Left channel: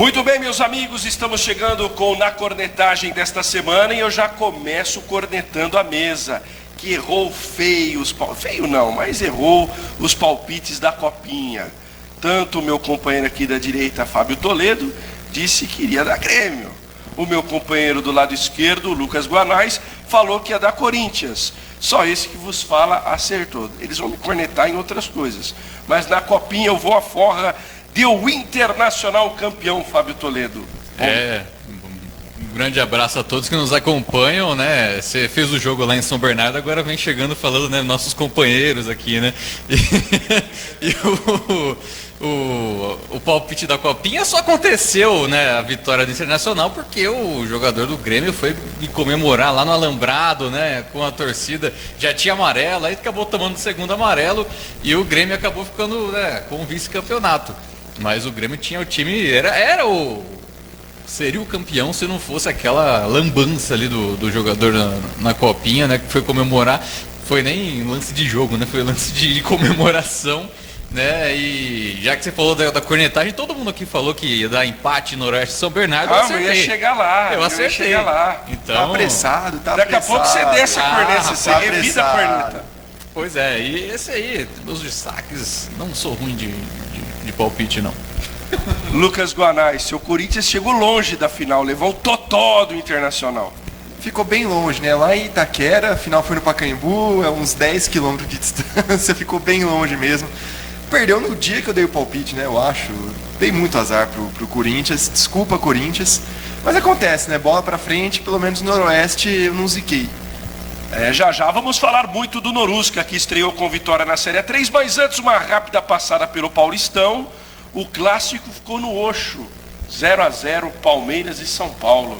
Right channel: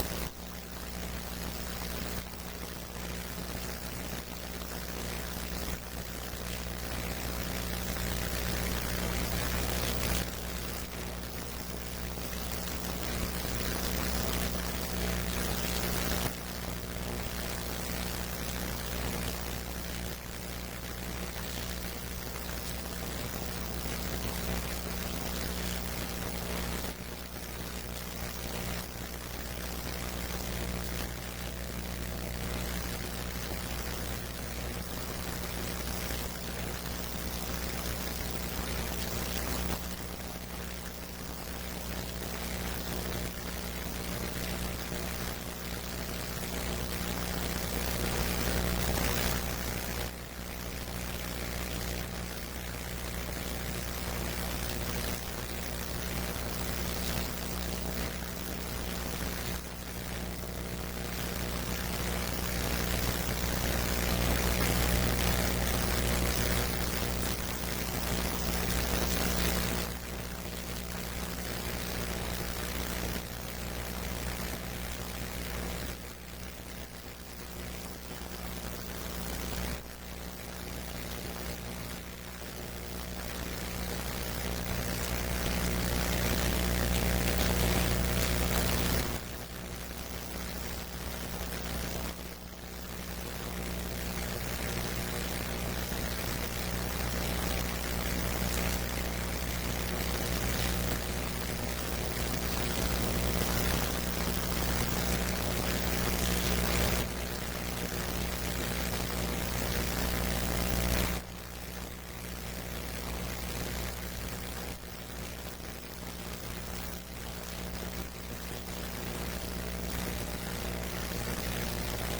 Muito bem, meus amigos, estamos chegando com na cornetagem desta semana e eu já começo cornetando a mesa, que errou feio feio não, mas errou os palpites da Copinha. Tanto o meu companheiro aqui da direita, Fábio Toledo, disse que iria dar Grêmio. O meu companheiro do lado esquerdo, Lucas Guanais, falou que ia dar Corinthians. Só esse que vos fala acertou. Eles vão me cornetar em outras coisas, mas na Copinha eu vou à forra. Deu o Internacional campeão, Fábio Toledo. Um grande abraço a todos que nos acompanham, né? Você fez o jogo lá em São Bernardo, agora vem chegando falando, né? Nossos companheiros aqui, né? E o palpite da Copinha só aconteceu, né? A vitória do Internacional, porque o jogador do Grêmio foi comemorar lá no Alambrado, né? Com a torcida, já tinha amarelo, aí acabou tomando o segundo amarelo e o Grêmio acabou ficando, né, com o vice-campeonato. Mas o Grêmio tinha o time, seria o campeão se não fosse aquela lambança ali do jogador na Copinha, né? Que foi comemorar, foi nem lance de jogo, né? Foi lance de comemoração, né? E já que você falou da cornetagem, todo mundo aqui falou que ia dar empate no Oeste de São Bernardo. Eu ia chegar lá. Eu acertei. Ia chegar lá. Então, tá apressado, tá daqui apressado. a pouco você desce a corneta, você revida a corneta. Pois é, e esse aí, os destaques, não sou ruim de palpite, não. Lucas Guanais, seu Corinthians chegou longe da final, levou o totó do Internacional. Ficou bem longe, né? Lá em Itaquera, a final foi no Pacaembu, é uns 10 quilômetros de distância, ficou bem longe mesmo. Perdeu no dia que eu dei o palpite, né? Eu acho. Dei muito azar pro Corinthians, desculpa Corinthians, mas acontece, né? Bola pra frente, pelo menos no Noroeste eu não ziquei. Já vamos falar muito do Norusca, que estreou com vitória na Série A3, mas antes uma rápida passada pelo Paulistão. O clássico ficou no Oxo, 0-0, Palmeiras e São Paulo.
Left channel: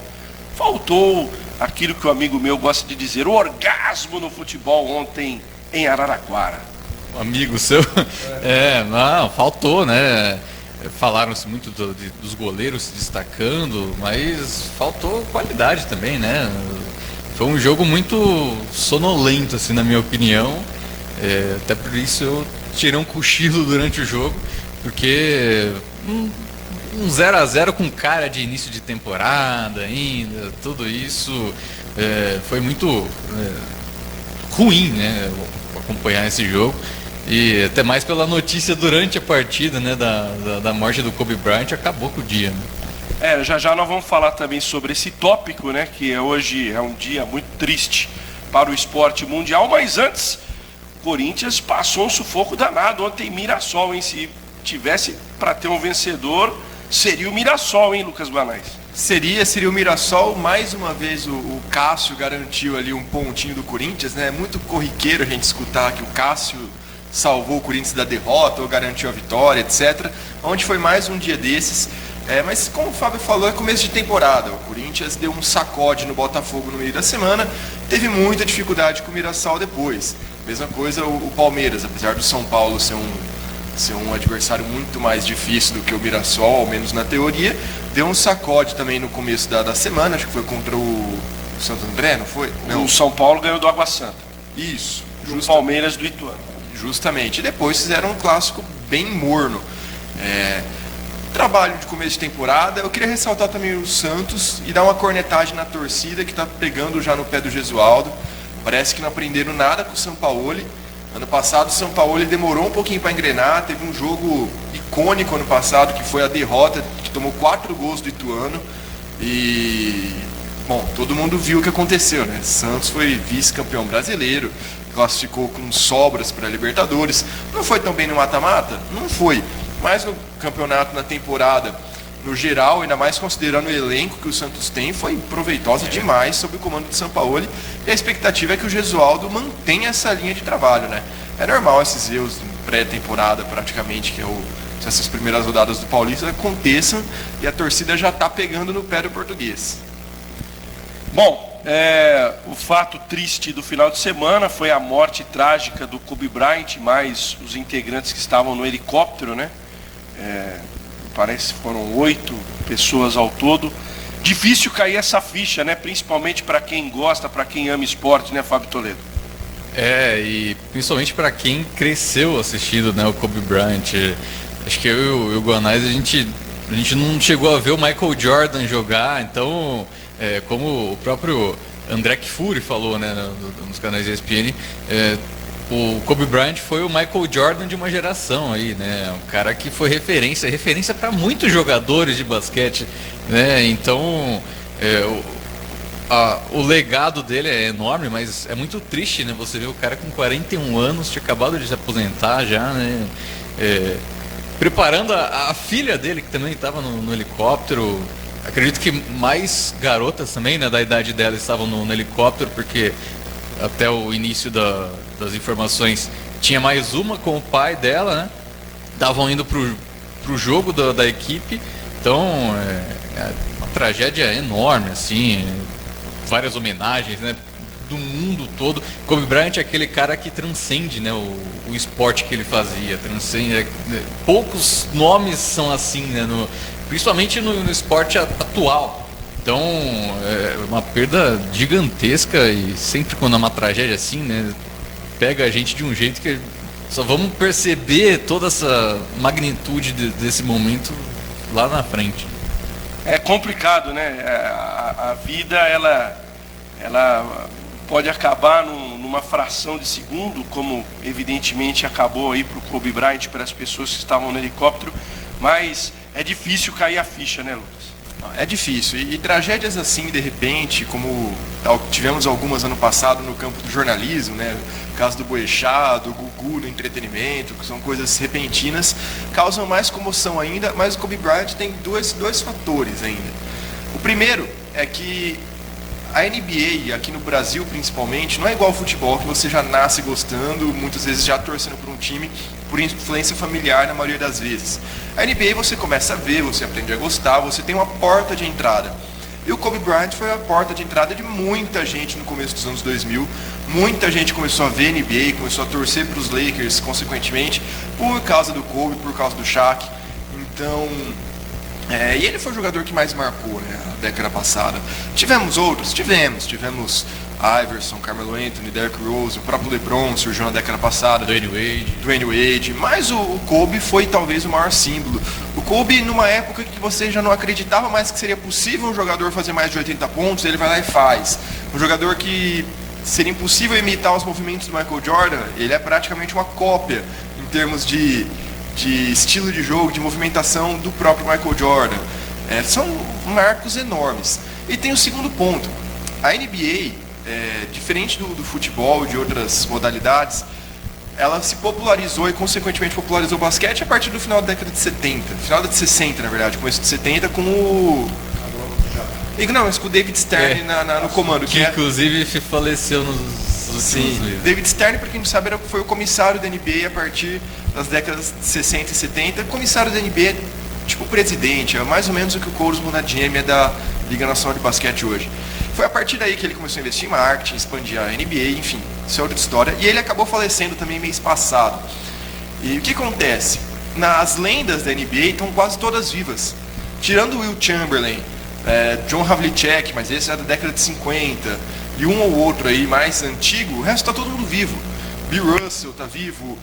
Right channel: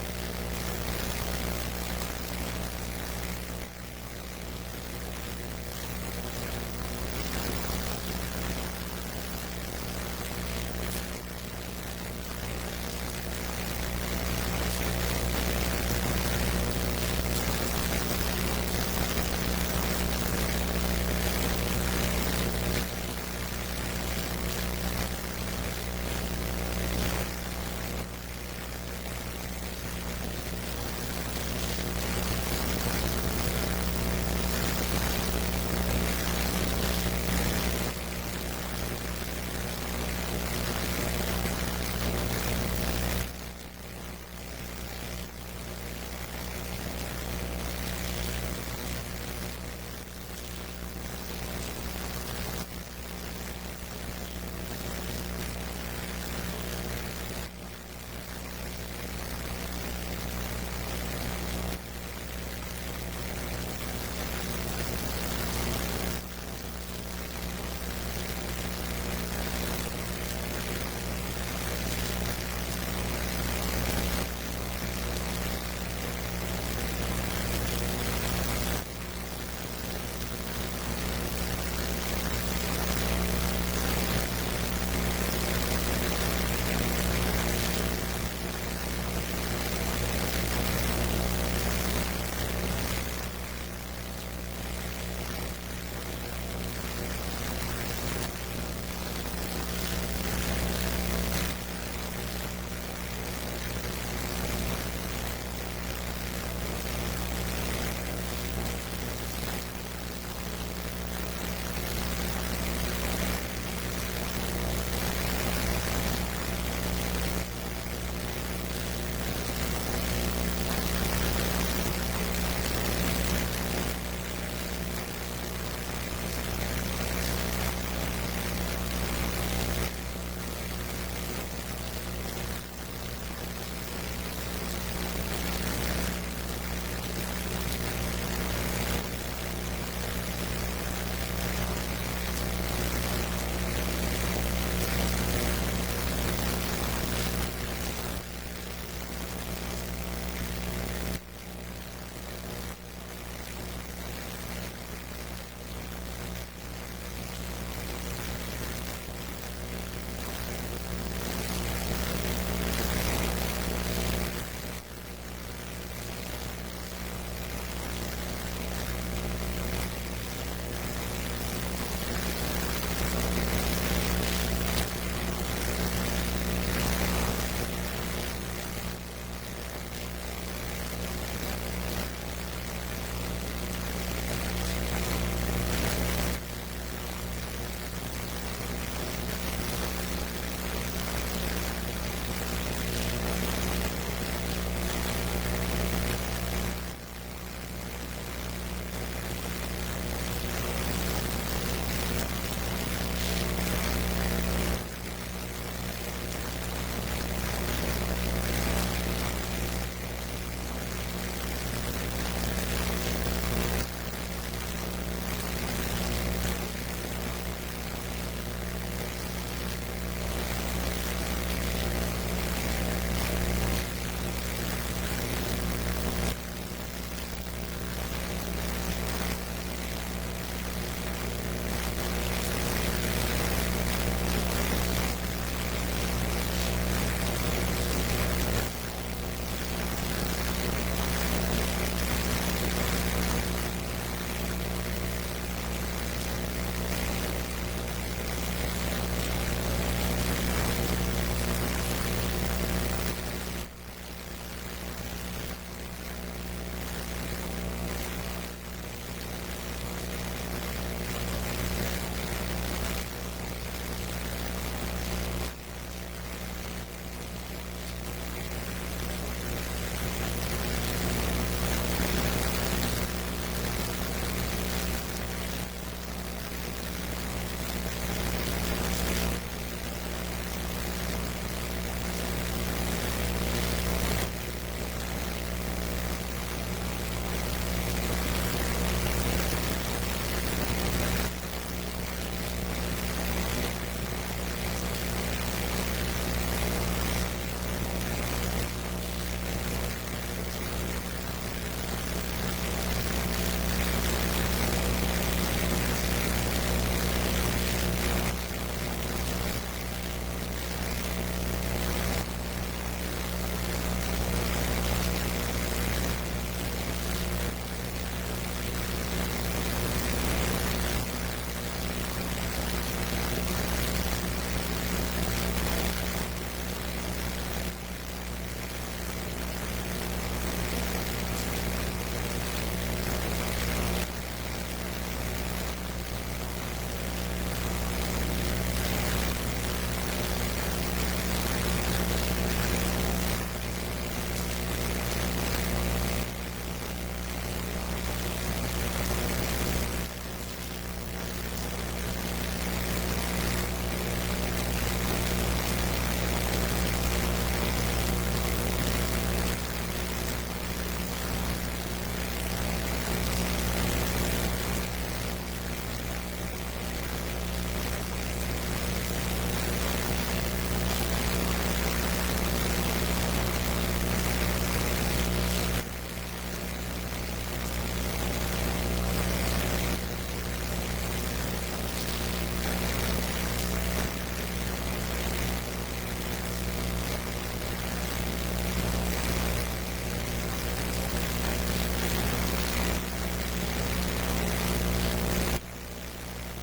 Faltou aquilo que o amigo meu gosta de dizer, o orgasmo no futebol ontem em Araraquara. Amigo seu? Não, faltou, né? Falaram-se muito dos goleiros se destacando, mas faltou qualidade também, né? Foi um jogo muito sonolento, assim, na minha opinião. Até por isso eu tirei um cochilo durante o jogo, porque um 0-0 com cara de início de temporada ainda, tudo isso foi muito ruim, né? Acompanhar esse jogo. E até mais pela notícia durante a partida, né? Da morte do Kobe Bryant, acabou com o dia, né? Já nós vamos falar também sobre esse tópico, né? Que hoje é um dia muito triste para o esporte mundial, mas antes, o Corinthians passou um sufoco danado ontem em Mirassol, hein? Se tivesse para ter um vencedor, seria o Mirassol, hein, Lucas Guanais? Seria o Mirassol. Mais uma vez o Cássio garantiu ali um pontinho do Corinthians, né? É muito corriqueiro a gente escutar que o Cássio salvou o Corinthians da derrota ou garantiu a vitória, etc. Onde foi mais um dia desses. Mas como o Fábio falou, é começo de temporada. O Corinthians deu um sacode no Botafogo no meio da semana, teve muita dificuldade com o Mirassol depois. Mesma coisa o Palmeiras, apesar do São Paulo ser um adversário muito mais difícil do que o Mirassol, ao menos na teoria, deu um sacode também no começo da semana, acho que foi contra o Santo André, não foi? Não. O São Paulo ganhou do Água Santa. Isso. O Palmeiras do Ituano. Justamente. E depois fizeram um clássico bem morno. Trabalho de começo de temporada. Eu queria ressaltar também o Santos e dar uma cornetagem na torcida que está pegando já no pé do Gesualdo. Parece que não aprenderam nada com o Sampaoli. Ano passado o Sampaoli demorou um pouquinho para engrenar. Teve um jogo icônico ano passado que foi a derrota, que tomou 4 gols do Ituano. E, bom, todo mundo viu o que aconteceu, né? Santos foi vice-campeão brasileiro, classificou com sobras para a Libertadores. Não foi tão bem no mata-mata? Não foi. Mas no campeonato, na temporada, no geral, ainda mais considerando o elenco que o Santos tem, foi proveitosa demais sob o comando de Sampaoli. E a expectativa é que o Gesualdo mantenha essa linha de trabalho, né? É normal esses erros pré-temporada, praticamente, que essas primeiras rodadas do Paulista aconteçam e a torcida já está pegando no pé do português. Bom, o fato triste do final de semana foi a morte trágica do Kobe Bryant, mais os integrantes que estavam no helicóptero, né? Parece que foram 8 pessoas ao todo. Difícil cair essa ficha, né? Principalmente para quem gosta, para quem ama esporte, né, Fábio Toledo? E principalmente para quem cresceu assistindo, né, o Kobe Bryant. Acho que eu e o Guanais, a gente A gente não chegou a ver o Michael Jordan jogar, então, como o próprio André Kfouri falou, né, nos canais da ESPN, o Kobe Bryant foi o Michael Jordan de uma geração aí, né? Um cara que foi referência para muitos jogadores de basquete, né? Então, o legado dele é enorme, mas é muito triste, né? Você vê o cara com 41 anos, tinha acabado de se aposentar já, né? Preparando a filha dele, que também estava no helicóptero. Acredito que mais garotas também, né, da idade dela estavam no helicóptero, porque até o início das informações tinha mais uma com o pai dela, né? Estavam indo pro jogo da equipe. Então, uma tragédia enorme, assim. Várias homenagens, né, do mundo todo. Kobe Bryant é aquele cara que transcende, né, o esporte que ele fazia. Transcende, poucos nomes são assim, né, principalmente no esporte atual. Então, é uma perda gigantesca, e sempre quando é uma tragédia assim, né, pega a gente de um jeito que só vamos perceber toda essa magnitude desse momento lá na frente. É complicado, né? A vida, ela pode acabar numa fração de segundo, como evidentemente acabou aí pro Kobe Bryant, para as pessoas que estavam no helicóptero, mas é difícil cair a ficha, né, Lucas? É difícil, e tragédias assim, de repente, como tivemos algumas ano passado no campo do jornalismo, né? O caso do Boechat, do Gugu, do entretenimento, que são coisas repentinas, causam mais comoção ainda, mas o Kobe Bryant tem dois fatores ainda. O primeiro é que a NBA, aqui no Brasil principalmente, não é igual ao futebol, que você já nasce gostando, muitas vezes já torcendo por um time, por influência familiar na maioria das vezes. A NBA você começa a ver, você aprende a gostar, você tem uma porta de entrada. E o Kobe Bryant foi a porta de entrada de muita gente no começo dos anos 2000. Muita gente começou a ver NBA, começou a torcer para os Lakers, consequentemente, por causa do Kobe, por causa do Shaq. Então, e ele foi o jogador que mais marcou, né, na década passada. Tivemos outros, tivemos Iverson, Carmelo Anthony, Derrick Rose, o próprio LeBron surgiu na década passada, Dwayne Wade, mas o Kobe foi talvez o maior símbolo. O Kobe, numa época que você já não acreditava mais que seria possível um jogador fazer mais de 80 pontos, ele vai lá e faz. Um jogador que seria impossível imitar os movimentos do Michael Jordan, ele é praticamente uma cópia em termos de estilo de jogo, de movimentação do próprio Michael Jordan. São marcos enormes. E tem o segundo ponto, a NBA, diferente do futebol e de outras modalidades, ela se popularizou e consequentemente popularizou o basquete a partir do final da década de 70, final de 60 na verdade, começo de 70 com o David Stern no comando. Que inclusive faleceu Sim, David Stern, para quem não sabe, foi o comissário da NBA a partir das décadas de 60 e 70. O comissário da NBA, tipo presidente, é mais ou menos o que o Coach Munadiemi é da Liga Nacional de Basquete hoje. Foi a partir daí que ele começou a investir em marketing, expandir a NBA, enfim, isso é outra história. E ele acabou falecendo também mês passado. E o que acontece? As lendas da NBA estão quase todas vivas. Tirando o Will Chamberlain, John Havlicek, mas esse é da década de 50, e um ou outro aí mais antigo, o resto está todo mundo vivo. Bill Russell está vivo,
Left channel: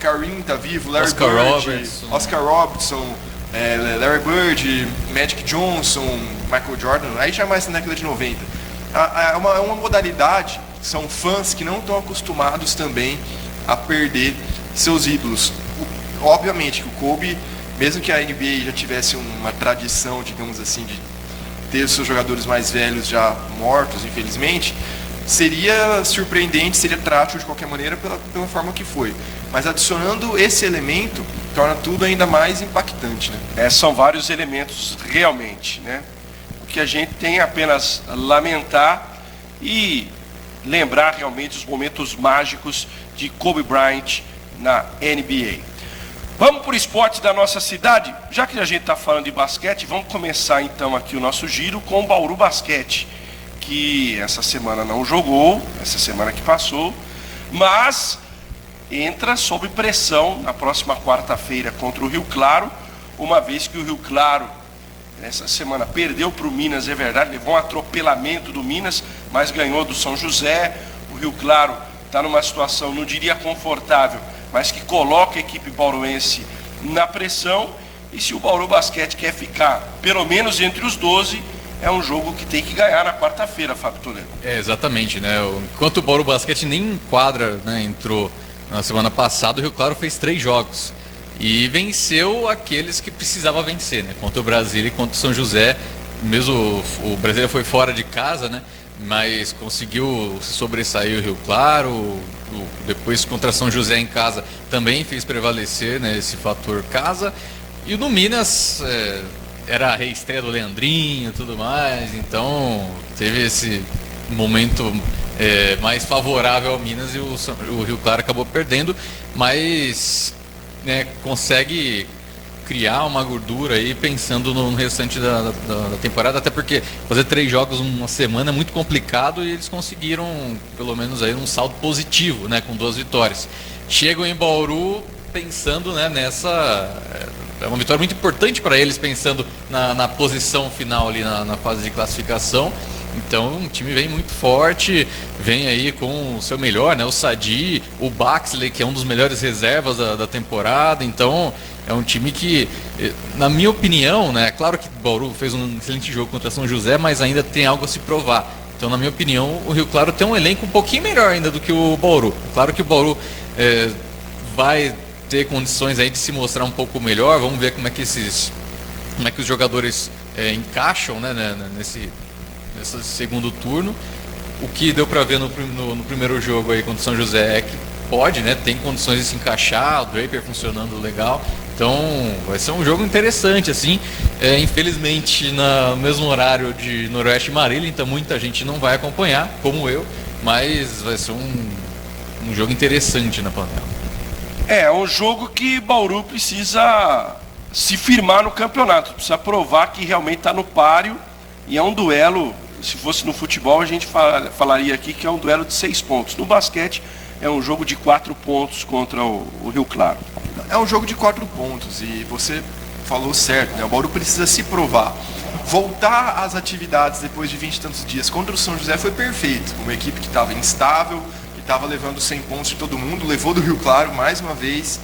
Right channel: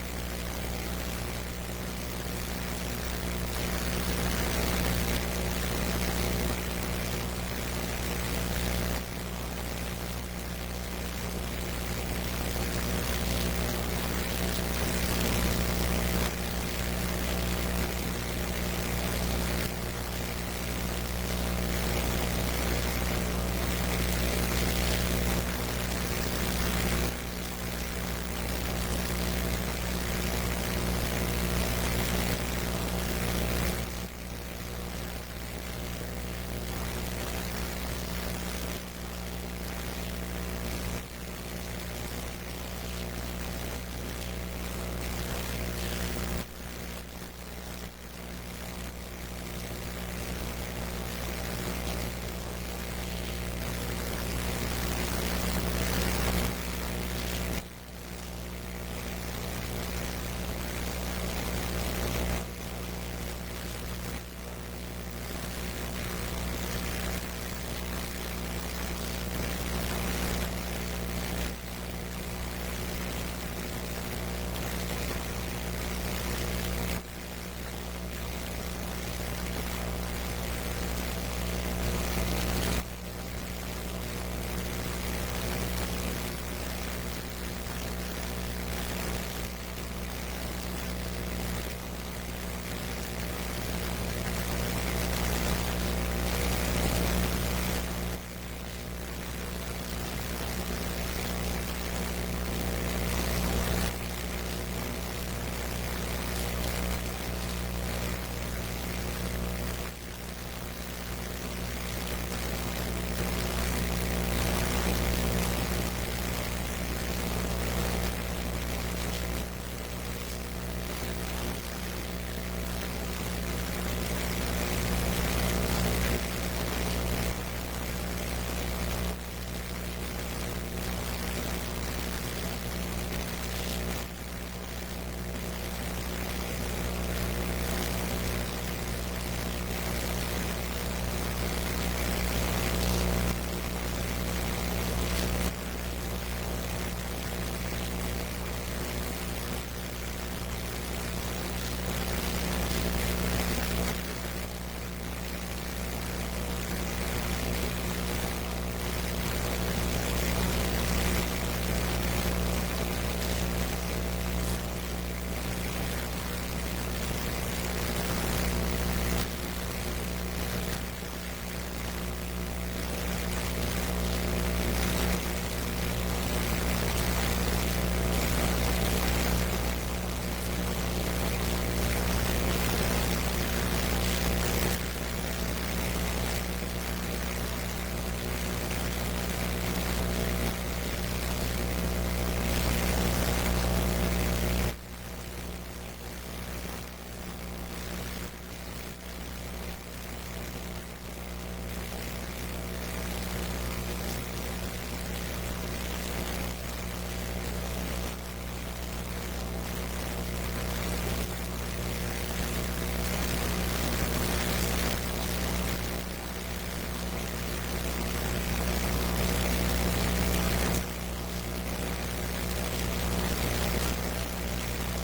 Kareem está vivo, Larry Bird, Oscar Robertson, Larry Bird, Magic Johnson, Michael Jordan, aí já mais na década de 90. É uma modalidade, são fãs que não estão acostumados também a perder seus ídolos. Obviamente, o Kobe, mesmo que a NBA já tivesse uma tradição, digamos assim, de ter os seus jogadores mais velhos já mortos, infelizmente, seria surpreendente, seria trágico de qualquer maneira pela forma que foi. Mas adicionando esse elemento, torna tudo ainda mais impactante, né? São vários elementos realmente, né? O que a gente tem é apenas lamentar e lembrar realmente os momentos mágicos de Kobe Bryant na NBA. Vamos para o esporte da nossa cidade? Já que a gente está falando de basquete, vamos começar então aqui o nosso giro com o Bauru Basquete, que essa semana não jogou, essa semana que passou, mas entra sob pressão na próxima quarta-feira contra o Rio Claro, uma vez que o Rio Claro essa semana perdeu para o Minas, é verdade, levou um atropelamento do Minas, mas ganhou do São José. O Rio Claro está numa situação, não diria confortável, mas que coloca a equipe bauruense na pressão. E se o Bauru Basquete quer ficar pelo menos entre os 12, é um jogo que tem que ganhar na quarta-feira, Fábio Toledo. Exatamente, né? Enquanto o Bauru Basquete nem em quadra, né, entrou na semana passada, o Rio Claro fez 3 jogos e venceu aqueles que precisava vencer, né? Contra o Brasília e contra o São José. Mesmo o Brasília foi fora de casa, né? Mas conseguiu sobressair o Rio Claro. Depois contra São José em casa também fez prevalecer, né, esse fator casa. E no Minas era a reestreia do Leandrinho e tudo mais, então teve esse momento mais favorável ao Minas e o Rio Claro acabou perdendo, mas, né, consegue criar uma gordura aí pensando no restante da temporada, até porque fazer 3 jogos uma semana é muito complicado e eles conseguiram pelo menos aí um saldo positivo, né, com 2 vitórias. Chegam em Bauru pensando, né, nessa... É uma vitória muito importante para eles, pensando na posição final ali na fase de classificação. Então o time vem muito forte, vem aí com o seu melhor, né? O Sadi, o Baxley, que é um dos melhores reservas da temporada. Então é um time que, na minha opinião, né? Claro que o Bauru fez um excelente jogo contra São José, mas ainda tem algo a se provar. Então, na minha opinião, o Rio Claro tem um elenco um pouquinho melhor ainda do que o Bauru. Claro que o Bauru vai ter condições aí de se mostrar um pouco melhor. Vamos ver como é que os jogadores encaixam, né, nesse segundo turno. O que deu para ver no primeiro jogo aí contra o São José é que pode, né, tem condições de se encaixar, o Draper funcionando legal. Então vai ser um jogo interessante, assim. Infelizmente no mesmo horário de Noroeste e Marília, então muita gente não vai acompanhar, como eu, mas vai ser um jogo interessante na plataforma. É um jogo que Bauru precisa se firmar no campeonato, precisa provar que realmente está no páreo, e é um duelo. Se fosse no futebol, a gente falaria aqui que é um duelo de 6 pontos. No basquete, é um jogo de 4 pontos contra o Rio Claro. É um jogo de 4 pontos e você falou certo, né? O Bauru precisa se provar. Voltar às atividades depois de 20 e tantos dias contra o São José foi perfeito. Uma equipe que estava instável, que estava levando 100 pontos de todo mundo, levou do Rio Claro mais uma vez.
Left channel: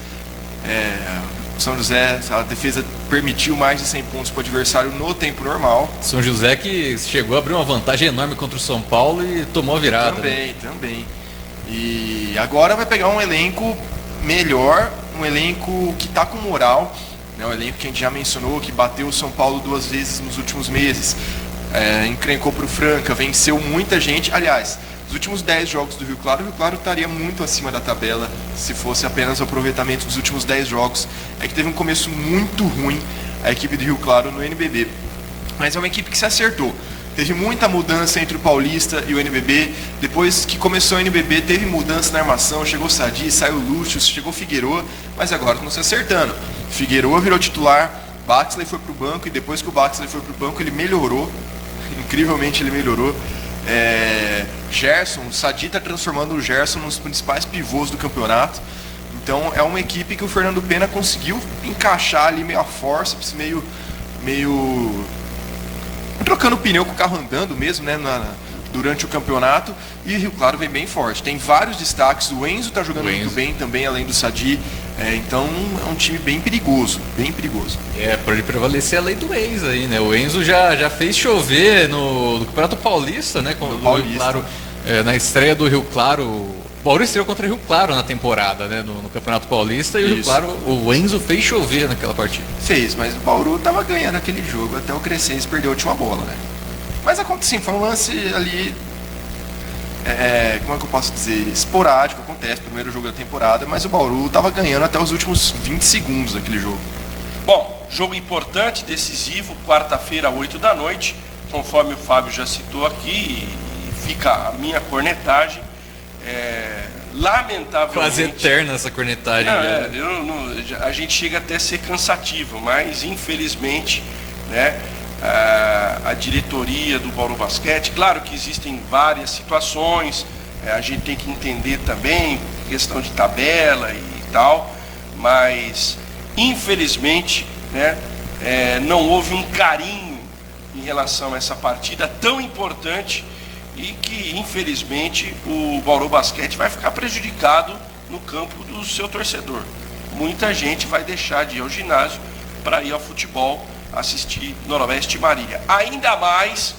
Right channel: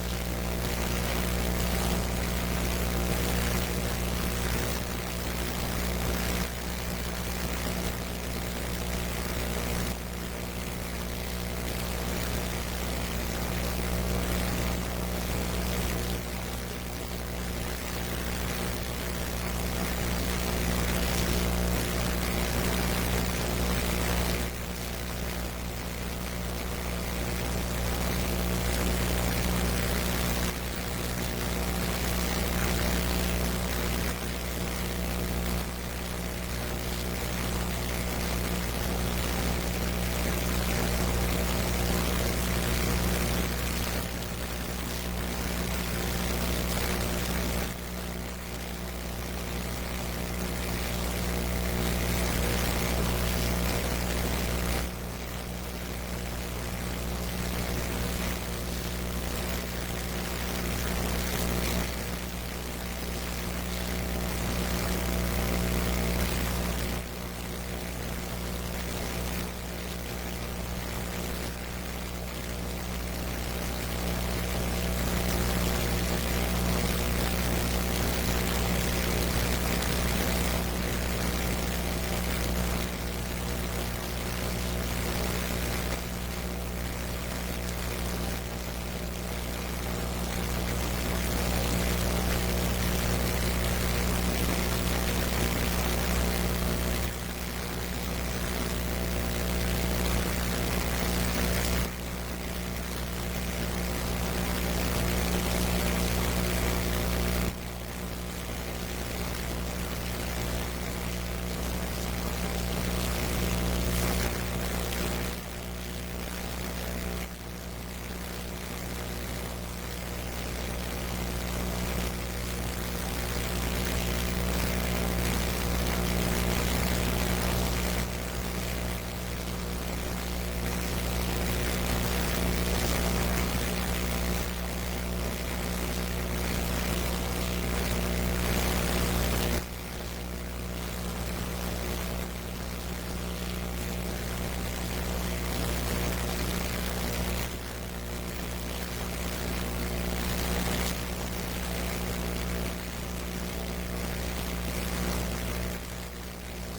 O São José, a defesa permitiu mais de 100 pontos para o adversário no tempo normal. São José que chegou a abrir uma vantagem enorme contra o São Paulo e tomou a virada. Também. E agora vai pegar um elenco melhor, um elenco que está com moral, né? Um elenco que a gente já mencionou, que bateu o São Paulo 2 vezes nos últimos meses, encrencou para o Franca, venceu muita gente. Aliás, nos últimos 10 jogos do Rio Claro estaria muito acima da tabela se fosse apenas o aproveitamento dos últimos 10 jogos. É que teve um começo muito ruim a equipe do Rio Claro no NBB, mas é uma equipe que se acertou. Teve muita mudança entre o Paulista e o NBB. Depois que começou o NBB, teve mudança na armação. Chegou o Sadi, saiu o Lúcio, chegou o Figueroa, mas agora estão se acertando. Figueroa virou titular, Baxley foi pro banco, e depois que o Baxley foi pro banco, ele melhorou. Incrivelmente ele melhorou. Gerson, o Sadi está transformando o Gerson nos principais pivôs do campeonato. Então é uma equipe que o Fernando Pena conseguiu encaixar ali meio a forceps, meio trocando pneu com o carro andando mesmo, né, durante o campeonato. E o Rio Claro vem bem forte. Tem vários destaques. O Enzo está jogando muito bem também, além do Sadi. Então é um time bem perigoso, bem perigoso. Pode prevalecer a lei do Enzo aí, né? O Enzo já fez chover no Campeonato Paulista, né? Com o Rio Claro, na estreia do Rio Claro. O Bauru estreou contra o Rio Claro na temporada, né? No Campeonato Paulista. E o Rio Claro, o Enzo fez chover naquela partida. Fez, mas o Bauru estava ganhando aquele jogo até o Crescense perdeu a última bola, né? Mas aconteceu, foi um lance ali, como é que eu posso dizer, esporádico, acontece, primeiro jogo da temporada, mas o Bauru estava ganhando até os últimos 20 segundos daquele jogo. Bom, jogo importante, decisivo, quarta-feira, 8 da noite, conforme o Fábio já citou aqui, fica a minha cornetagem. Lamentavelmente... Quase eterna essa cornetagem. A gente chega até a ser cansativo, mas infelizmente, né, a diretoria do Bauru Basquete, claro que existem várias situações, a gente tem que entender também questão de tabela e tal, mas infelizmente, né, não houve um carinho em relação a essa partida tão importante e que infelizmente o Bauru Basquete vai ficar prejudicado no campo do seu torcedor. Muita gente vai deixar de ir ao ginásio para ir ao futebol assistir Noroeste e Marília. Ainda mais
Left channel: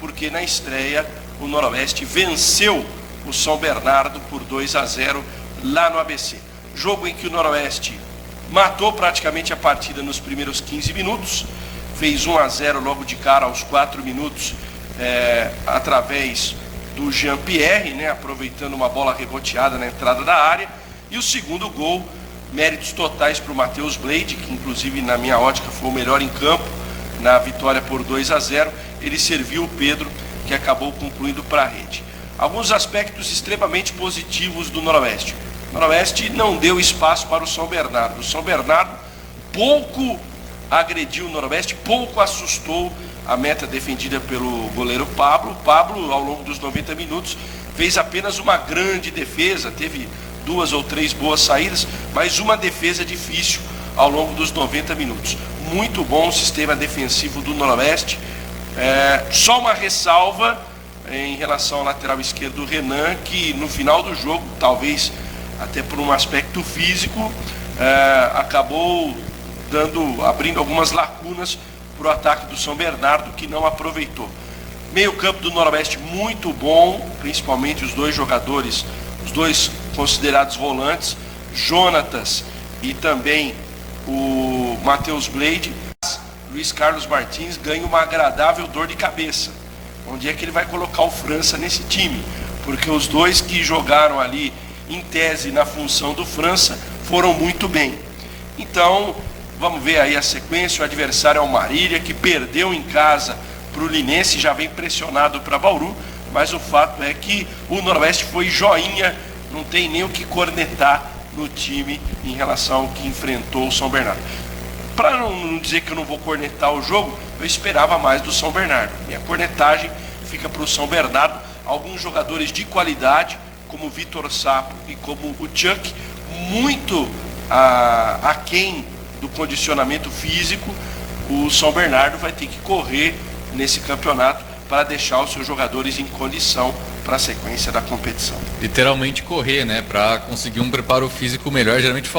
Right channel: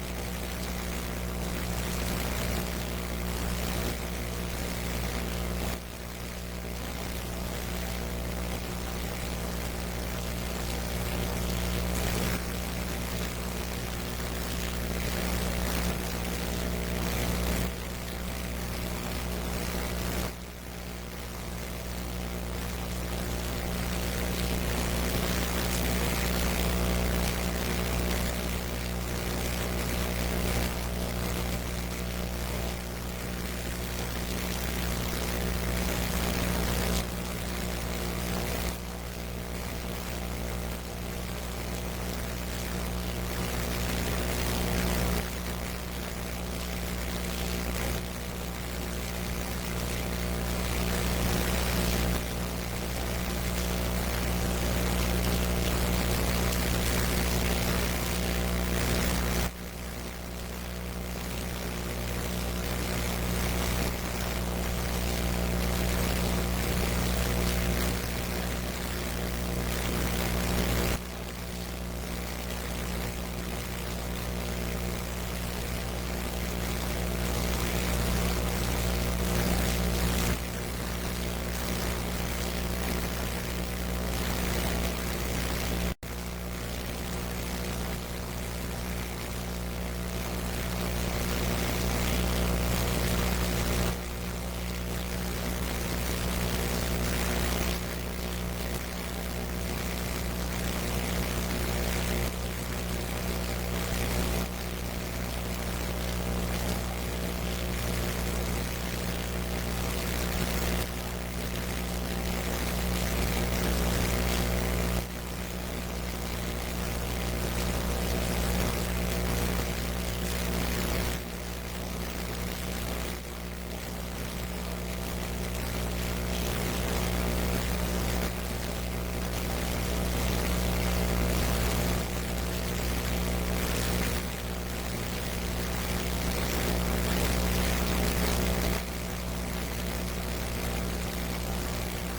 porque na estreia o Noroeste venceu o São Bernardo por 2-0 lá no ABC. Jogo em que o Noroeste matou praticamente a partida nos primeiros 15 minutos, fez 1-0 logo de cara aos 4 minutos, através do Jean-Pierre, né, aproveitando uma bola reboteada na entrada da área, e o segundo gol, méritos totais para o Matheus Blade, que inclusive na minha ótica foi o melhor em campo na vitória por 2-0, ele serviu o Pedro, que acabou concluindo para a rede. Alguns aspectos extremamente positivos do Noroeste. O Noroeste não deu espaço para o São Bernardo. O São Bernardo pouco agrediu o Noroeste, pouco assustou a meta defendida pelo goleiro Pablo. Pablo, ao longo dos 90 minutos, fez apenas uma grande defesa, teve 2 ou 3 boas saídas, mas uma defesa difícil ao longo dos 90 minutos. Muito bom o sistema defensivo do Noroeste. Só uma ressalva em relação ao lateral esquerdo do Renan, que no final do jogo, talvez até por um aspecto físico, acabou abrindo algumas lacunas para o ataque do São Bernardo, que não aproveitou. Meio campo do Noroeste muito bom, principalmente os dois jogadores, os dois considerados volantes, Jonatas e também o Matheus Blade. Luiz Carlos Martins ganha uma agradável dor de cabeça. Onde é que ele vai colocar o França nesse time? Porque os dois que jogaram ali, em tese, na função do França, foram muito bem. Então, vamos ver aí a sequência. O adversário é o Marília, que perdeu em casa para o Linense, já vem pressionado para Bauru, mas o fato é que o Noroeste foi joinha, não tem nem o que cornetar no time em relação ao que enfrentou o São Bernardo. Para não dizer que eu não vou cornetar o jogo, eu esperava mais do São Bernardo. E a cornetagem fica para o São Bernardo. Alguns jogadores de qualidade, como o Vitor Sapo e como o Chuck, muito aquém do condicionamento físico. O São Bernardo vai ter que correr nesse campeonato para deixar os seus jogadores em condição para a sequência da competição. Literalmente correr, né? Para conseguir um preparo físico melhor. Geralmente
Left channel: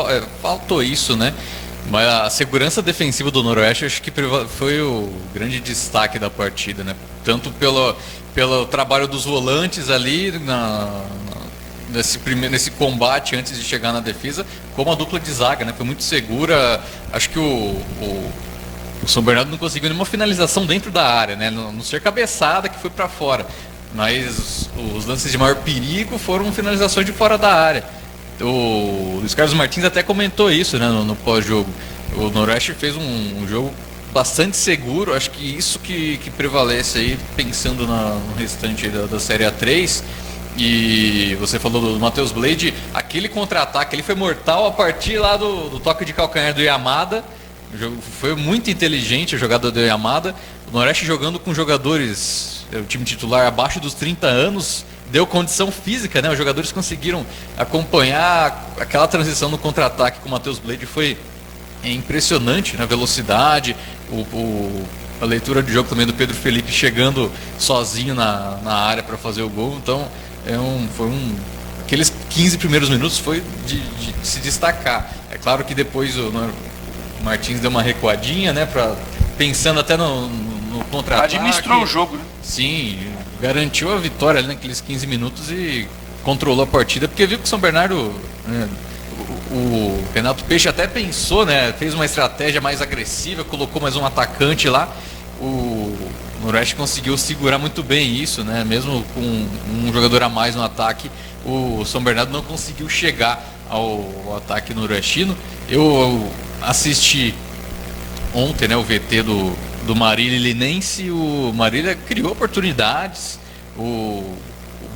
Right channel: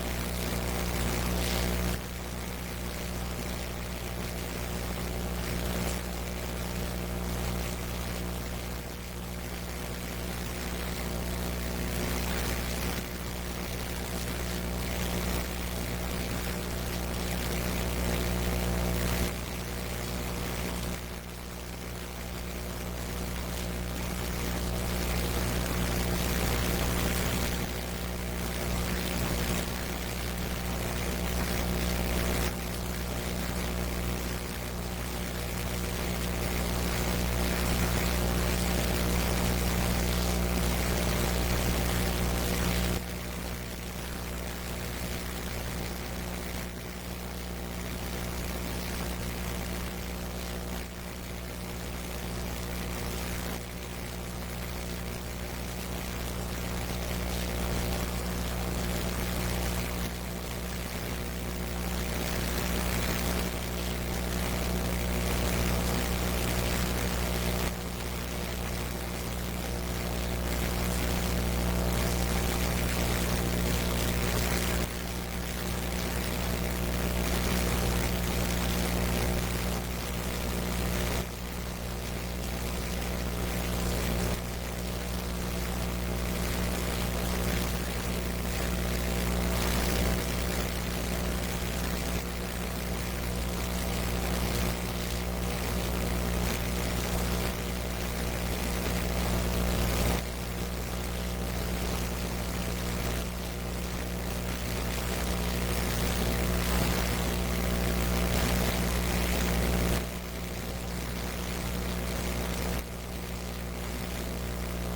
faltou isso, né? Mas a segurança defensiva do Noroeste acho que foi o grande destaque da partida, né? Tanto pelo trabalho dos volantes ali nesse combate antes de chegar na defesa, como a dupla de zaga, né? Foi muito segura. Acho que o São Bernardo não conseguiu nenhuma finalização dentro da área, né? Não ser cabeçada que foi para fora. Mas os lances de maior perigo foram finalizações de fora da área. O Luiz Carlos Martins até comentou isso, né, no pós-jogo. O Noroeste fez um jogo bastante seguro. Acho que isso que prevalece aí, pensando no restante da Série A3. E você falou do Matheus Blade, aquele contra-ataque, ele foi mortal a partir lá do toque de calcanhar do Yamada. O jogo foi muito inteligente a jogada do Yamada. O Noroeste jogando com jogadores, o time titular abaixo dos 30 anos, deu condição física, né? Os jogadores conseguiram acompanhar aquela transição no contra-ataque com o Matheus Blade, foi impressionante na velocidade, a leitura de jogo também do Pedro Felipe chegando sozinho na área para fazer o gol. Então aqueles 15 primeiros minutos foi de se destacar. É claro que depois o Martins deu uma recuadinha, né? Pensando até no contra-ataque. Administrou o jogo, né? Sim, garantiu a vitória ali naqueles 15 minutos e controlou a partida, porque viu que o São Bernardo, né, o Renato Peixe até pensou, né, fez uma estratégia mais agressiva, colocou mais um atacante lá. O Noroeste conseguiu segurar muito bem isso, né, mesmo com um jogador a mais no ataque, o São Bernardo não conseguiu chegar ao ataque noroestino. Eu assisti ontem, né, o VT do Marília Linense. O Marília criou oportunidades. O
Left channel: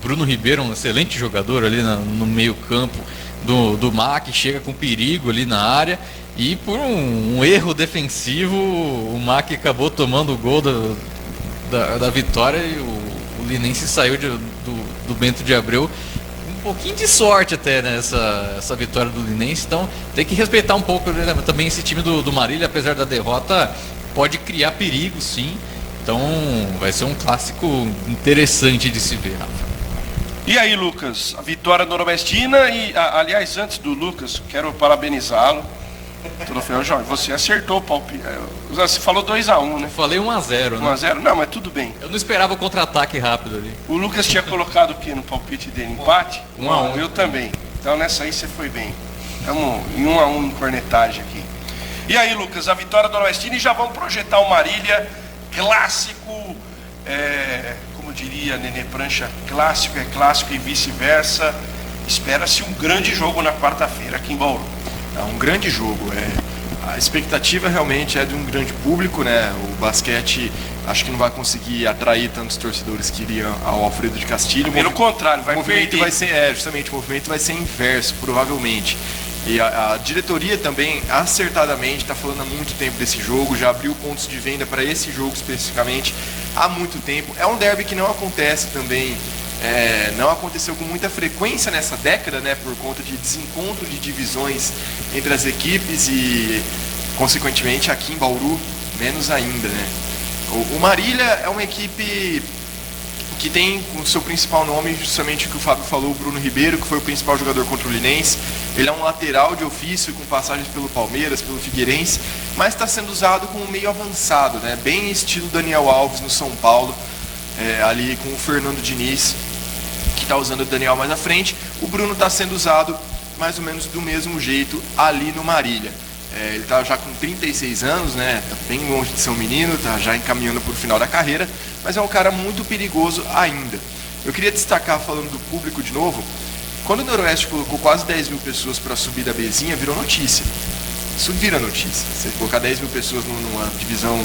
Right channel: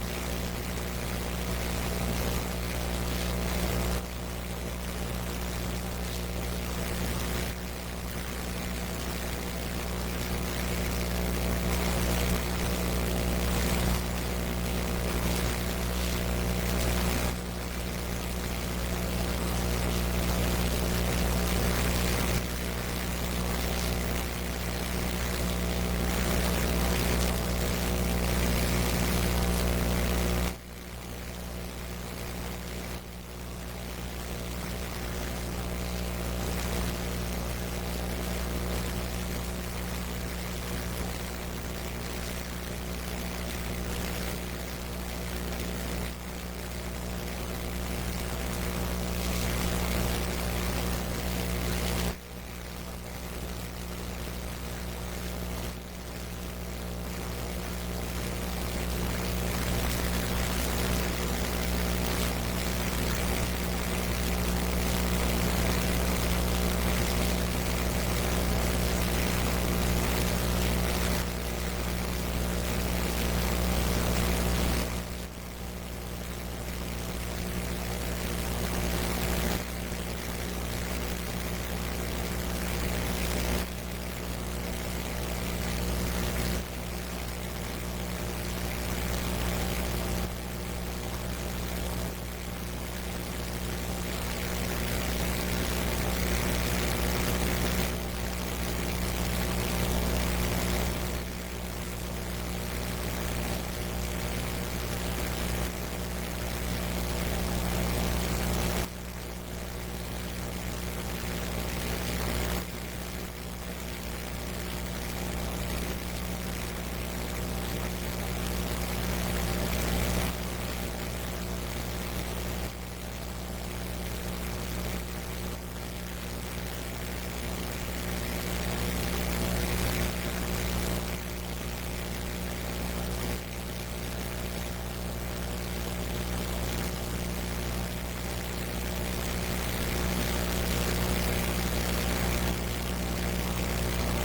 Bruno Ribeiro, um excelente jogador ali no meio campo do MAC, chega com perigo ali na área, e por um erro defensivo o MAC acabou tomando o gol da vitória, e o Linense saiu do Bento de Abreu. Um pouquinho de sorte até nessa vitória do Linense. Então tem que respeitar um pouco, né, também esse time do Marília, apesar da derrota, pode criar perigo, sim. Então vai ser um clássico interessante de se ver. E aí, Lucas, a vitória noroestina. E aliás, antes do Lucas, quero parabenizá-lo. no final. Jorge, você acertou o palpite. Você falou 2-1, né? Falei 1-0, né? 1-0? Não, mas tudo bem. Eu não esperava o contra-ataque rápido ali. O Lucas tinha colocado o que no palpite dele? Empate? 1-1. Eu também. Então nessa aí você foi bem. Estamos em 1-1 no cornetagem aqui. E aí, Lucas, a vitória do Noroestino, e já vamos projetar o Marília clássico, como diria Nenê Prancha, clássico é clássico e vice-versa. Espera-se um grande jogo na quarta-feira aqui em Bauru. É um grande jogo. A expectativa realmente é de um grande público, né? O basquete acho que não vai conseguir atrair tantos torcedores que iriam ao Alfredo de Castilho. Pelo contrário, vai o movimento perder. vai ser, justamente, o movimento vai ser inverso, provavelmente. E a diretoria também, acertadamente, está falando há muito tempo desse jogo, já abriu pontos de venda para esse jogo especificamente há muito tempo. É um derby que não acontece também, não aconteceu com muita frequência nessa década, né, por conta de desencontro de divisões entre as equipes e, consequentemente, aqui em Bauru, menos ainda, né. O Marília é uma equipe que tem o seu principal nome, justamente o que o Fábio falou, o Bruno Ribeiro, que foi o principal jogador contra o Linense. Ele é um lateral de ofício, com passagens pelo Palmeiras, pelo Figueirense, mas está sendo usado como meio avançado, né? Bem estilo Daniel Alves no São Paulo, ali com o Fernando Diniz, que está usando o Daniel mais à frente. O Bruno está sendo usado mais ou menos do mesmo jeito ali no Marília. Ele está já com 36 anos, né? Bem longe de ser um menino, está já encaminhando para o final da carreira, mas é um cara muito perigoso ainda. Eu queria destacar, falando do público de novo, quando o Noroeste colocou quase 10 mil pessoas para subir da Bezinha, virou notícia. Isso vira notícia. Você colocar 10 mil pessoas numa divisão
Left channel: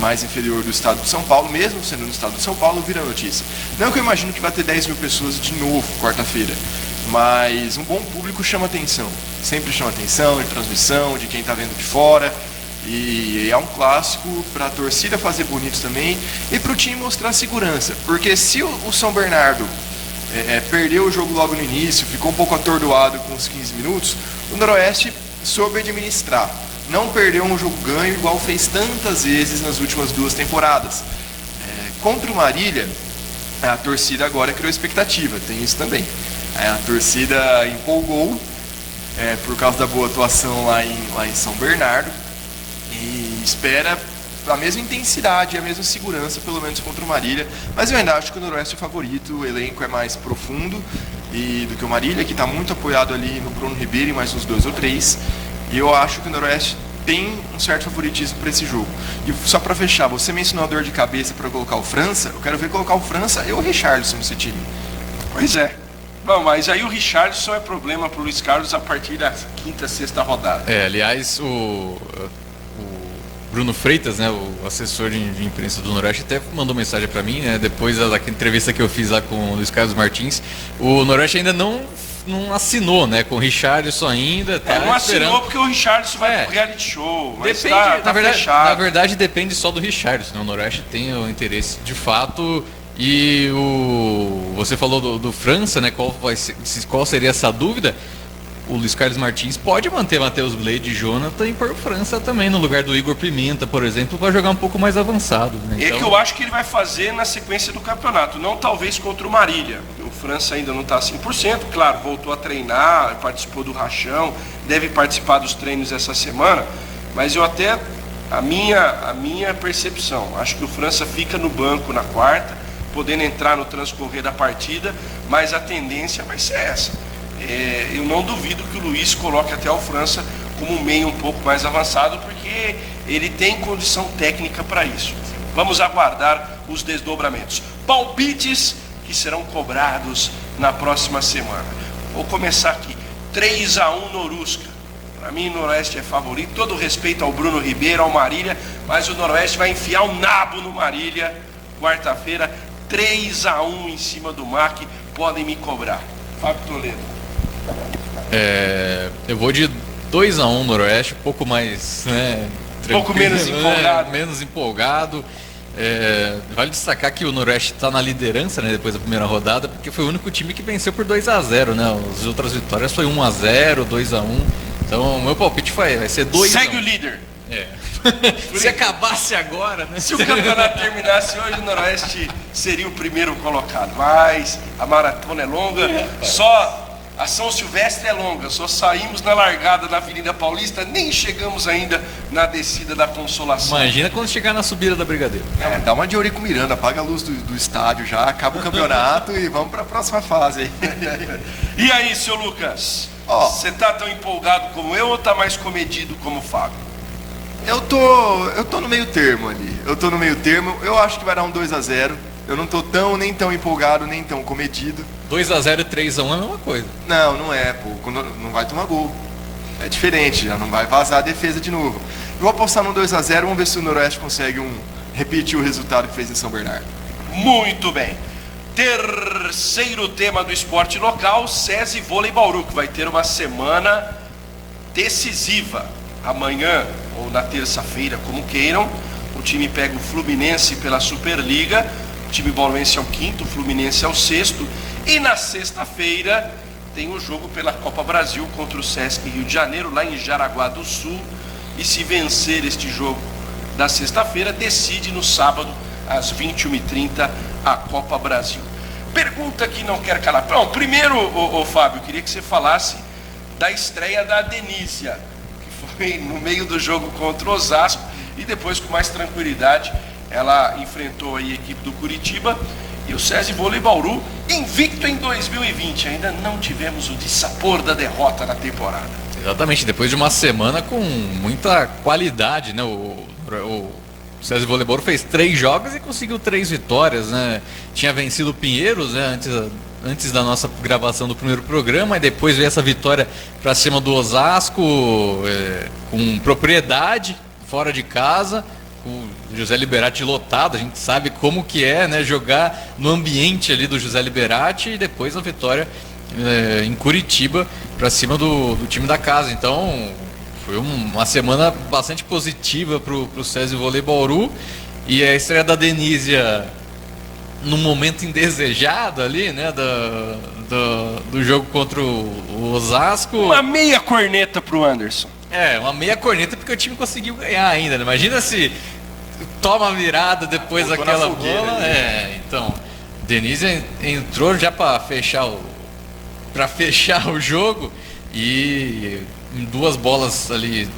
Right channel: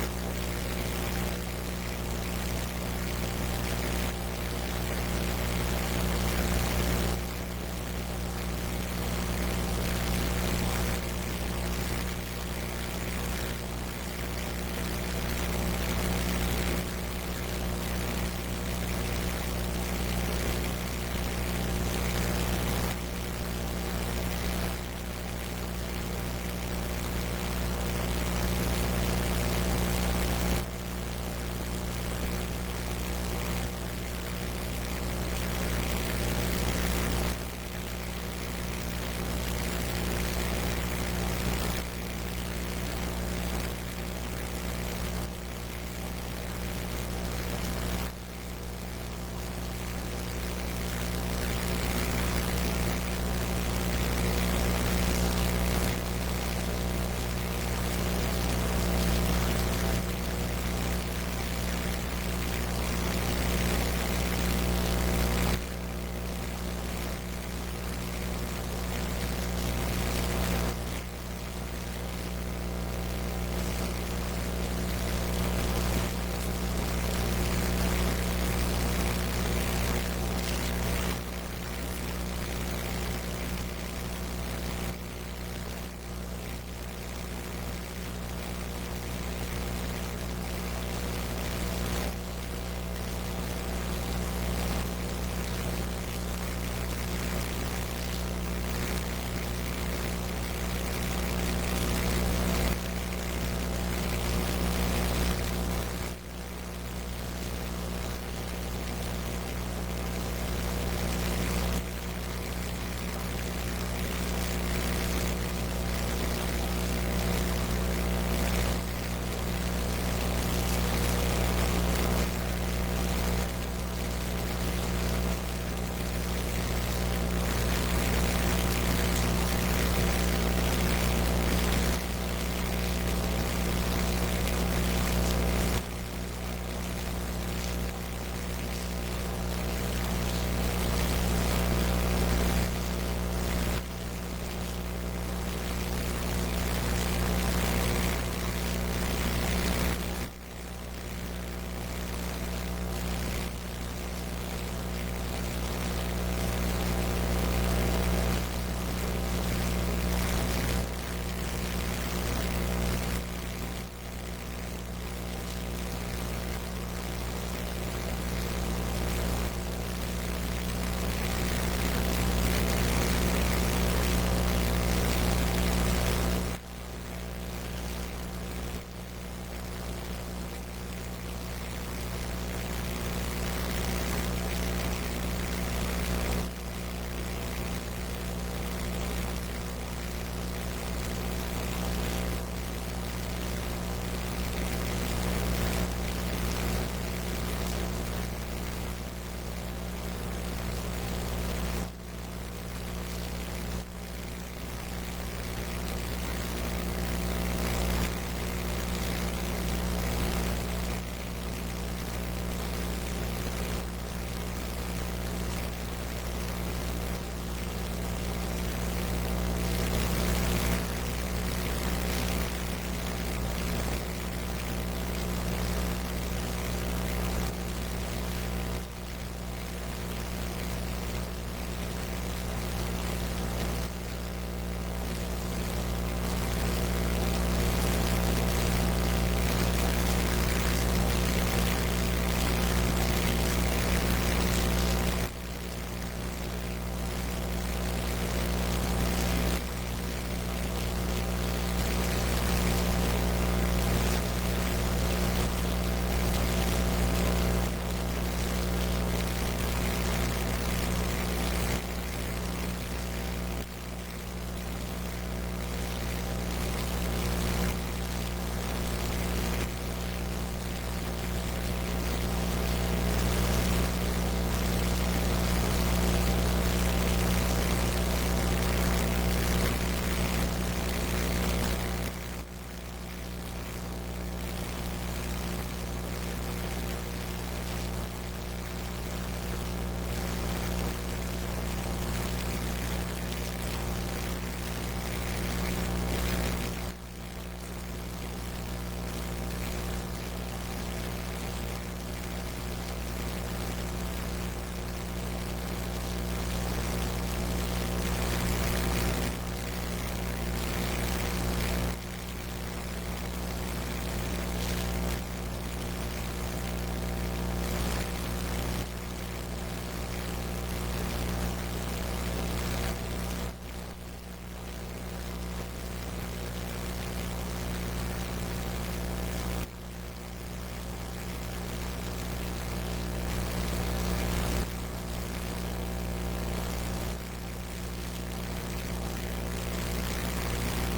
mais inferior do estado de São Paulo, mesmo sendo no estado de São Paulo, vira notícia. Não que eu imagino que vai ter 10 mil pessoas de novo quarta-feira, mas um bom público chama atenção. Sempre chama atenção de transmissão, de quem está vendo de fora. E é um clássico para a torcida fazer bonito também e para o time mostrar segurança. Porque se o São Bernardo perdeu o jogo logo no início, ficou um pouco atordoado com os 15 minutos, o Noroeste soube administrar. Não perdeu um jogo ganho igual fez tantas vezes nas últimas 2 temporadas. Contra o Marília, a torcida agora criou expectativa, tem isso também. A torcida empolgou por causa da boa atuação lá em São Bernardo e espera a mesma intensidade e a mesma segurança, pelo menos contra o Marília, mas eu ainda acho que o Noroeste é o favorito, o elenco é mais profundo do que o Marília, que está muito apoiado ali no Bruno Ribeiro e mais uns 2 ou 3, e eu acho que o Noroeste tem um certo favoritismo para esse jogo. E só para fechar, você mencionou a dor de cabeça para colocar o França, eu quero ver colocar o França e o Richarlison nesse time. Pois é. Bom, mas aí o Richarlison é problema para o Luiz Carlos a partir da 5ª, 6ª rodada. Aliás, o Bruno Freitas, né, o assessor de imprensa do Noroeste, até mandou mensagem para mim, né, depois da entrevista que eu fiz lá com o Luiz Carlos Martins. O Noroeste ainda não assinou, né, com o Richarlison ainda. Tá não esperando. assinou porque o Richarlison vai pro reality show. Mas depende, tá na verdade, depende só do Richarlison, né? O Noroeste tem o interesse de fato. E você falou do França, né? Qual seria essa dúvida? O Luiz Carlos Martins pode manter Matheus Blade e Jonathan e pôr o França também no lugar do Igor Pimenta, por exemplo, vai jogar um pouco mais avançado. Né? Então... É que eu acho que ele vai fazer na sequência do campeonato, não talvez contra o Marília. O França ainda não está 100%, claro, voltou a treinar, participou do rachão, deve participar dos treinos essa semana, mas eu até, a minha percepção, acho que o França fica no banco na quarta, podendo entrar no transcorrer da partida, mas a tendência vai ser essa. Eu não duvido que o Luiz coloque até o França como um meio um pouco mais avançado, porque ele tem condição técnica para isso. Vamos aguardar os desdobramentos. Palpites que serão cobrados na próxima semana. Vou começar aqui. 3-1 Norusca. Para mim, o Noroeste é favorito. Todo respeito ao Bruno Ribeiro, ao Marília, mas o Noroeste vai enfiar o nabo no Marília. Quarta-feira, 3-1 em cima do MAC. Podem me cobrar. Fábio Toledo. Eu vou de 2-1 Noroeste, um pouco mais, né, um pouco menos empolgado. Menos empolgado. Vale destacar que o Noroeste está na liderança, né, depois da primeira rodada, porque foi o único time que venceu por 2-0, né? As outras vitórias foi 1-0, 2-1. Então o meu palpite vai ser 2-1. Segue o líder. Se acabasse agora, né? Se o campeonato terminasse hoje, o Noroeste seria o primeiro colocado. Mas a maratona é longa. Só A São Silvestre é longa, só saímos na largada na Avenida Paulista, nem chegamos ainda na descida da Consolação. Imagina quando chegar na subida da Brigadeiro. Dá uma de Eurico Miranda, apaga a luz do estádio já, acaba o campeonato e vamos para a próxima fase aí. E aí, seu Lucas? Ó. Você tá tão empolgado como eu ou tá mais comedido como o Fábio? Eu tô no meio termo ali. Eu acho que vai dar um 2-0. Eu não tô nem tão empolgado, nem tão comedido. 2-0 e 3-1 é a mesma coisa. Não é, pô. Não vai tomar gol. É diferente, já não vai vazar a defesa de novo. Eu vou apostar no 2-0, vamos ver se o Noroeste consegue repetir o resultado que fez em São Bernardo. Muito bem. Terceiro tema do esporte local, SESI Vôlei Bauru, que vai ter uma semana decisiva. Amanhã ou na terça-feira, como queiram, o time pega o Fluminense pela Superliga. O time bauruense é o quinto, o Fluminense é o sexto. E na sexta-feira tem um jogo pela Copa Brasil contra o Sesc Rio de Janeiro, lá em Jaraguá do Sul. E se vencer este jogo da sexta-feira, decide no sábado, às 21h30, a Copa Brasil. Pergunta que não quer calar. Bom, primeiro, Fábio, queria que você falasse da estreia da Denísia. Foi no meio do jogo contra o Osasco e depois, com mais tranquilidade, ela enfrentou aí a equipe do Curitiba e o SESI Vôlei Bauru, invicto em 2020. Ainda não tivemos o dissabor da derrota na temporada. Exatamente, depois de uma semana com muita qualidade, né? O SESI Vôlei Bauru fez 3 jogos e conseguiu 3 vitórias, né? Tinha vencido o Pinheiros, né? Antes da nossa gravação do primeiro programa, e depois veio essa vitória para cima do Osasco, com propriedade, fora de casa, com o José Liberati lotado. A gente sabe como que é, né, jogar no ambiente ali do José Liberati, e depois a vitória em Curitiba para cima do time da casa. Então foi uma semana bastante positiva para o SESI Vôlei Bauru, e a estreia da Denísia num momento indesejado ali, né, do jogo contra o Osasco. Uma meia corneta pro Anderson. Uma meia corneta, porque o time conseguiu ganhar ainda, né? Imagina se toma a virada depois daquela bola. Então, Denise entrou já para fechar o jogo, e em 2 bolas ali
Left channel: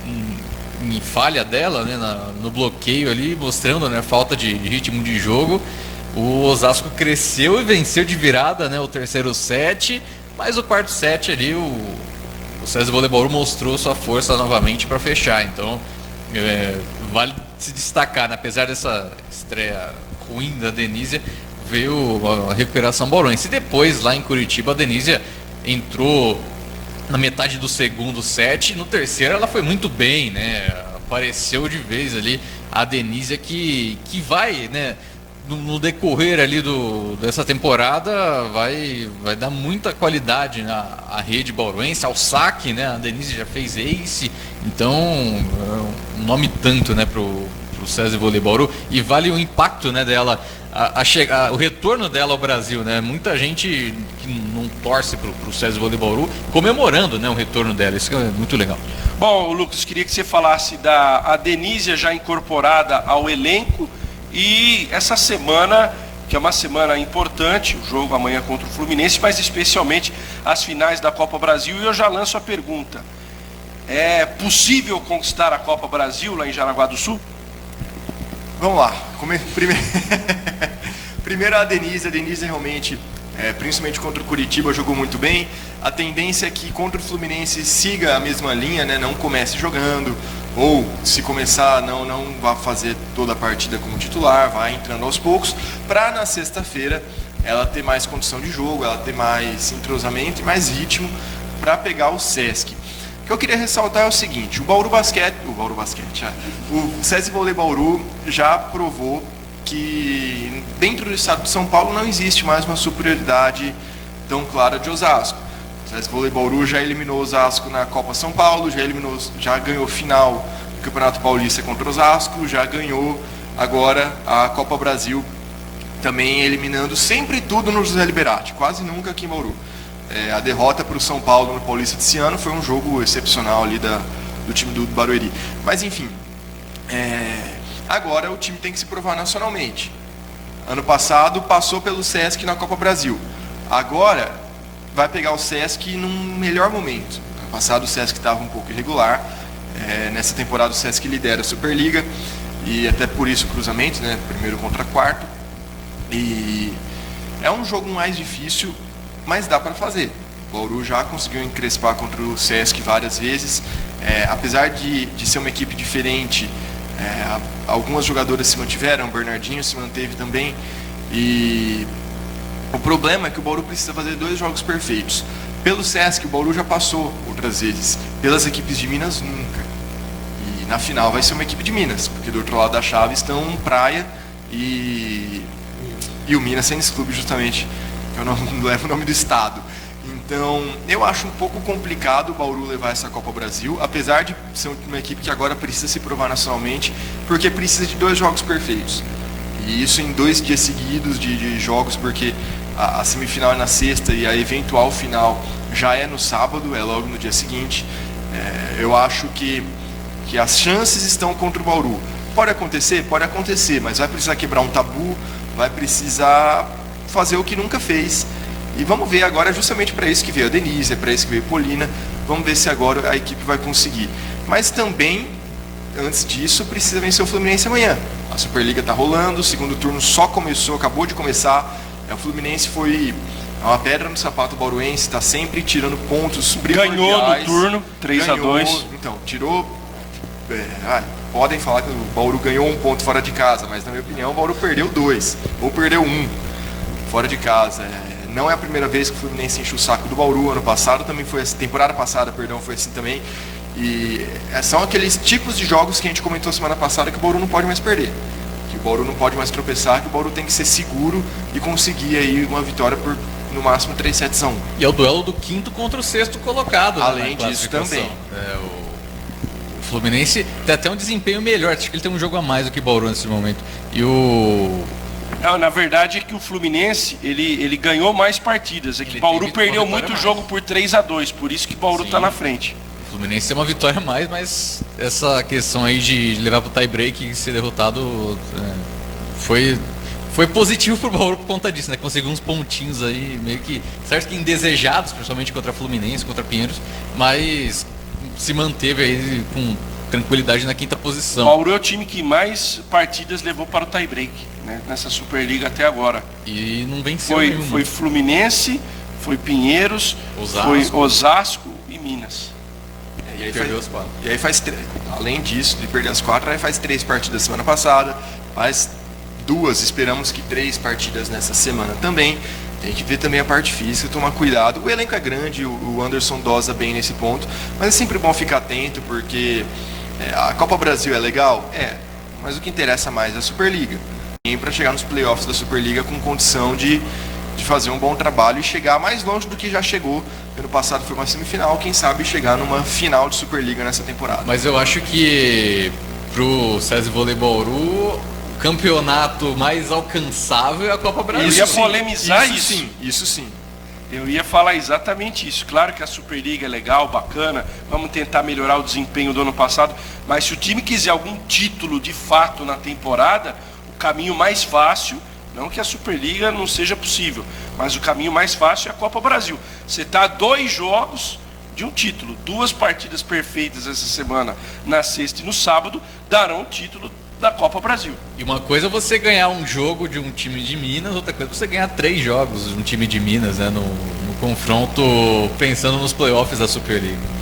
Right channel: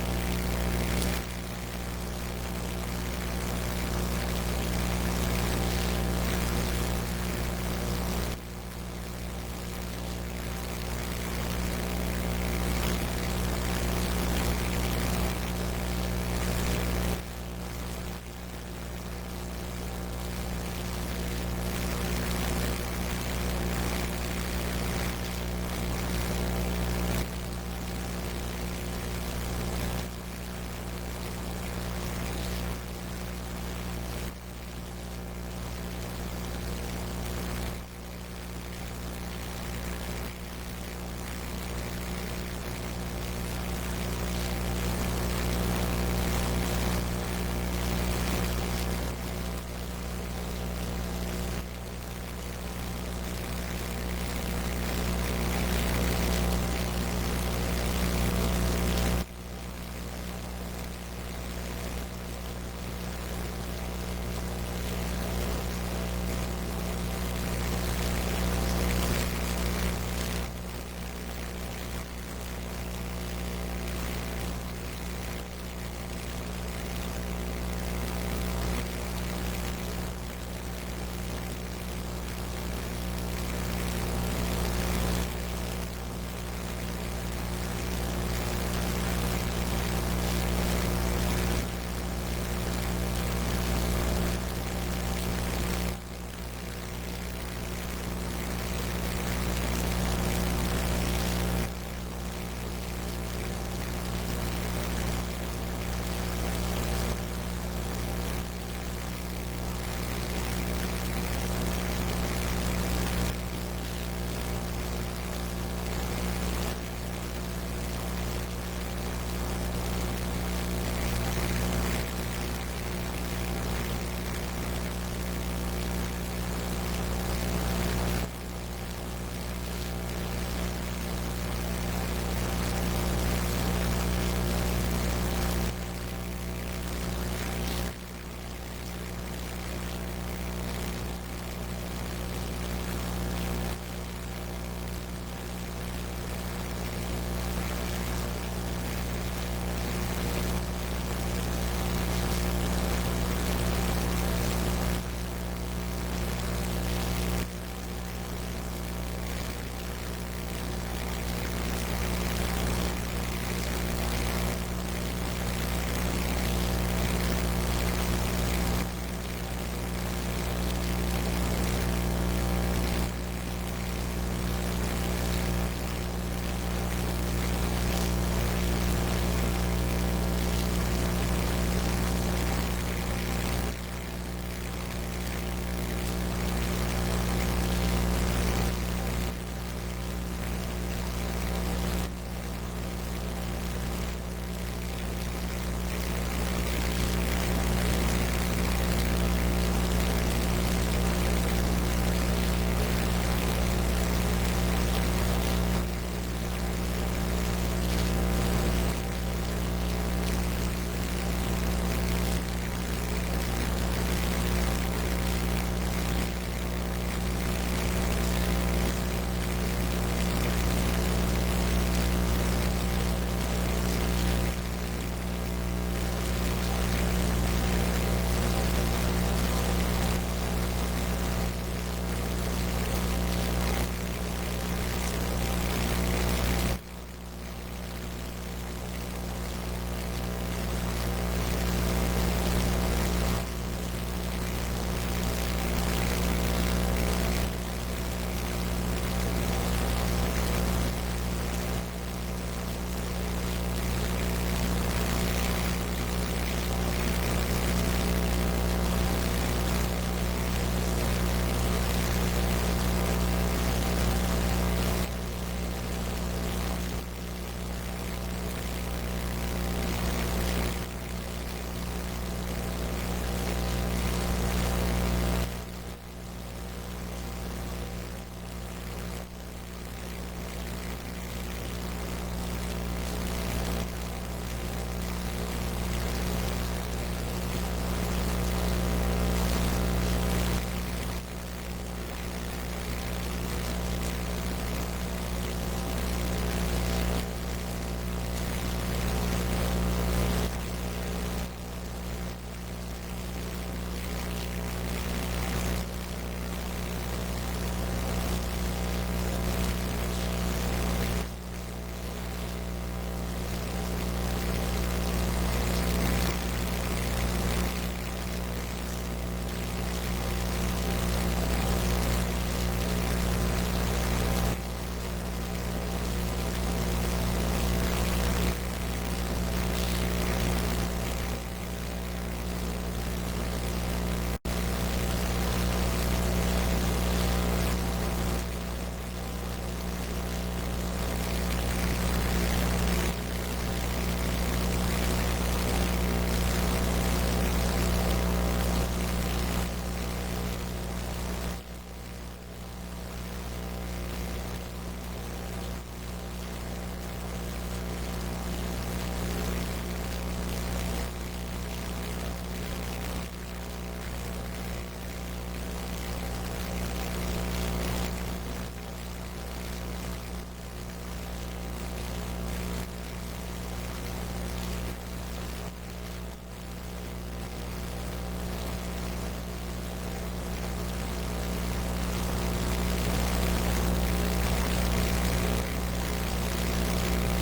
em falha dela, né, no bloqueio ali, mostrando, né, falta de ritmo de jogo. O Osasco cresceu e venceu de virada, né, o terceiro set, mas o quarto set ali o SESI Vôlei Bauru mostrou sua força novamente para fechar. Então vale se destacar, né? Apesar dessa estreia ruim da Denísia, veio a recuperação bauruense. E depois, lá em Curitiba, a Denísia entrou na metade do segundo set, e no terceiro ela foi muito bem, né? Apareceu de vez ali a Denísia que vai, né, no decorrer ali dessa temporada vai dar muita qualidade à rede bauruense, ao saque, né? A Denise já fez ace, então um nome tanto, né, pro SESI Vôlei Bauru, e vale o impacto, né, dela o retorno dela ao Brasil, né? Muita gente que não torce pro SESI Vôlei Bauru comemorando, né, o retorno dela. Isso é muito legal. Bom, Lucas, queria que você falasse da Denísia já incorporada ao elenco. E essa semana, que é uma semana importante, o jogo amanhã contra o Fluminense, mas especialmente as finais da Copa Brasil. E eu já lanço a pergunta: é possível conquistar a Copa Brasil lá em Jaraguá do Sul? Vamos lá. Primeiro a Denísia realmente, principalmente contra o Curitiba, jogou muito bem. A tendência é que contra o Fluminense siga a mesma linha, né? Não comece jogando, ou se começar, não vá fazer toda a partida como titular, vai entrando aos poucos, para na sexta-feira ela ter mais condição de jogo, ela ter mais entrosamento e mais ritmo para pegar o Sesc. O que eu queria ressaltar é o seguinte: o SESI Vôlei Bauru já provou que dentro do estado de São Paulo não existe mais uma superioridade tão clara de Osasco. O SESI Vôlei Bauru já eliminou Osasco na Copa São Paulo, já ganhou final do Campeonato Paulista contra Osasco, já ganhou agora a Copa Brasil, também eliminando sempre tudo no José Liberati, quase nunca aqui em Bauru. A derrota para o São Paulo no Paulista desse ano foi um jogo excepcional ali do time do Barueri. Mas enfim, agora o time tem que se provar nacionalmente. Ano passado passou pelo Sesc na Copa Brasil. Agora vai pegar o Sesc num melhor momento. No passado o Sesc estava um pouco irregular, nessa temporada o Sesc lidera a Superliga, e até por isso cruzamento, né? Primeiro contra quarto. E é um jogo mais difícil, mas dá para fazer. O Bauru já conseguiu encrespar contra o Sesc várias vezes. Apesar de ser uma equipe diferente, algumas jogadoras se mantiveram, o Bernardinho se manteve também. E o problema é que o Bauru precisa fazer 2 jogos perfeitos. Pelo Sesc, o Bauru já passou outras vezes. Pelas equipes de Minas, nunca. E na final vai ser uma equipe de Minas, porque do outro lado da chave estão Praia e o Minas Tênis Clube, justamente. Eu não levo o nome do estado. Então, eu acho um pouco complicado o Bauru levar essa Copa Brasil, apesar de ser uma equipe que agora precisa se provar nacionalmente, porque precisa de 2 jogos perfeitos. E isso em 2 dias seguidos de jogos, porque a semifinal é na sexta e a eventual final já é no sábado, é logo no dia seguinte. Eu acho que as chances estão contra o Bauru. Pode acontecer, mas vai precisar quebrar um tabu, vai precisar fazer o que nunca fez. E vamos ver agora, justamente para isso que veio a Denise, para isso que veio a Polina, vamos ver se agora a equipe vai conseguir. Mas também, antes disso, precisa vencer o Fluminense amanhã. A Superliga está rolando, o segundo turno só começou, acabou de começar. O Fluminense foi uma pedra no sapato bauruense, está sempre tirando pontos primordiais. Ganhou no turno, 3-2. Então, tirou... podem falar que o Bauru ganhou 1 ponto fora de casa, mas na minha opinião o Bauru perdeu 2, ou perdeu 1 fora de casa. Não é a primeira vez que o Fluminense enche o saco do Bauru, ano passado também foi assim, temporada passada, perdão, foi assim também. E são aqueles tipos de jogos que a gente comentou semana passada que o Bauru não pode mais perder. Que o Bauru não pode mais tropeçar, que o Bauru tem que ser seguro e conseguir aí uma vitória por no máximo 3-7-1. E é o duelo do 5º contra o 6º colocado. Além disso também. O Fluminense tem até um desempenho melhor, acho que ele tem um jogo a mais do que o Bauru nesse momento. E Não, na verdade é que o Fluminense, ele ganhou mais partidas. É que o Bauru perdeu muito jogo por 3-2, por isso que o Bauru está na frente. O Fluminense tem uma vitória a mais, mas essa questão aí de levar pro tie-break e ser derrotado foi positivo pro Bauru por conta disso, né? Conseguiu uns pontinhos aí, meio que, certo que indesejados, principalmente contra Fluminense, contra Pinheiros, mas se manteve aí com tranquilidade na 5ª posição. O Bauru é o time que mais partidas levou para o tie-break, né, nessa Superliga até agora. E não venceu Foi Fluminense, foi Pinheiros, foi Osasco e Minas. E aí faz além disso, de perder as 4, aí faz 3 partidas semana passada, faz 2, esperamos que 3 partidas nessa semana também. A gente vê também a parte física, tomar cuidado. O elenco é grande, o Anderson dosa bem nesse ponto, mas é sempre bom ficar atento, porque a Copa Brasil é legal? Mas o que interessa mais é a Superliga. E para chegar nos playoffs da Superliga com condição de fazer um bom trabalho e chegar mais longe do que já chegou. Ano passado foi uma semifinal, quem sabe chegar numa final de Superliga nessa temporada. Mas eu acho que pro SESI Vôlei Bauru, o campeonato mais alcançável é a Copa Brasil. Eu ia polemizar isso. Isso sim. Eu ia falar exatamente isso. Claro que a Superliga é legal, bacana, vamos tentar melhorar o desempenho do ano passado, mas se o time quiser algum título de fato na temporada, o caminho mais fácil, não que a Superliga não seja possível, mas o caminho mais fácil é a Copa Brasil. Você está a 2 jogos de um título, 2 partidas perfeitas essa semana, na sexta e no sábado, darão o título da Copa Brasil. E uma coisa é você ganhar um jogo de um time de Minas, outra coisa é você ganhar 3 jogos de um time de Minas, né, no confronto, pensando nos playoffs da Superliga.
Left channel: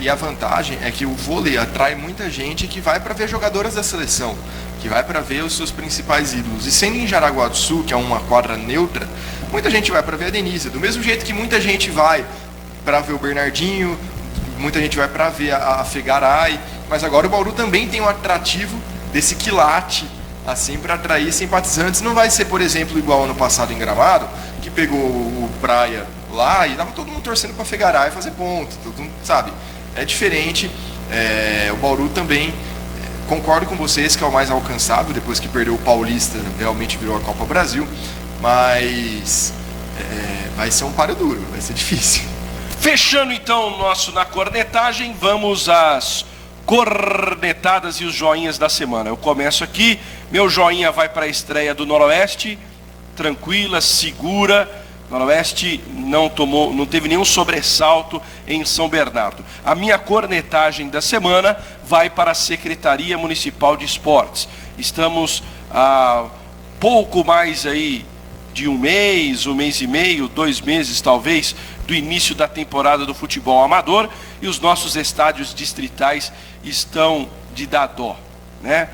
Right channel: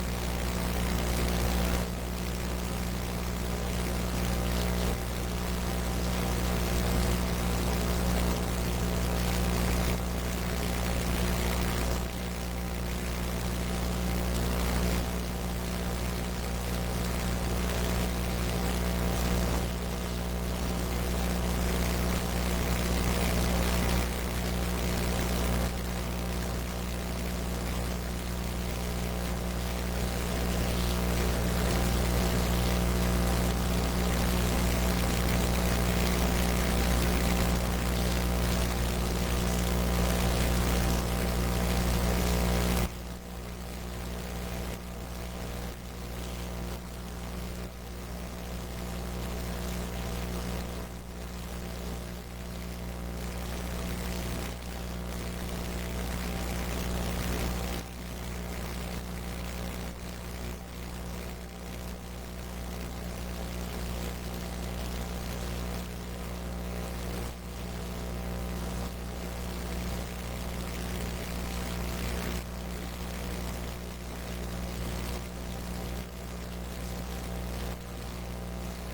E a vantagem é que o vôlei atrai muita gente que vai para ver jogadoras da seleção, que vai para ver os seus principais ídolos. E sendo em Jaraguá do Sul, que é uma quadra neutra, muita gente vai para ver a Denise. Do mesmo jeito que muita gente vai para ver o Bernardinho, muita gente vai para ver a Fegaray, mas agora o Bauru também tem um atrativo desse quilate, assim, para atrair simpatizantes. Não vai ser, por exemplo, igual ano passado em Gramado, que pegou o Praia lá e tava todo mundo torcendo para Fegaray fazer ponto, todo mundo, sabe? É diferente. O Bauru também, concordo com vocês que é o mais alcançável, depois que perdeu o Paulista, realmente virou a Copa Brasil, mas vai ser um páreo duro, vai ser difícil. Fechando então o nosso Na Cornetagem, vamos às cornetadas e os joinhas da semana. Eu começo aqui, meu joinha vai para a estreia do Noroeste, tranquila, segura. Noroeste não teve nenhum sobressalto em São Bernardo. A minha cornetagem da semana vai para a Secretaria Municipal de Esportes. Estamos há pouco mais aí de um mês e meio, 2 meses talvez, do início da temporada do futebol amador, e os nossos estádios distritais estão de dar dó, né?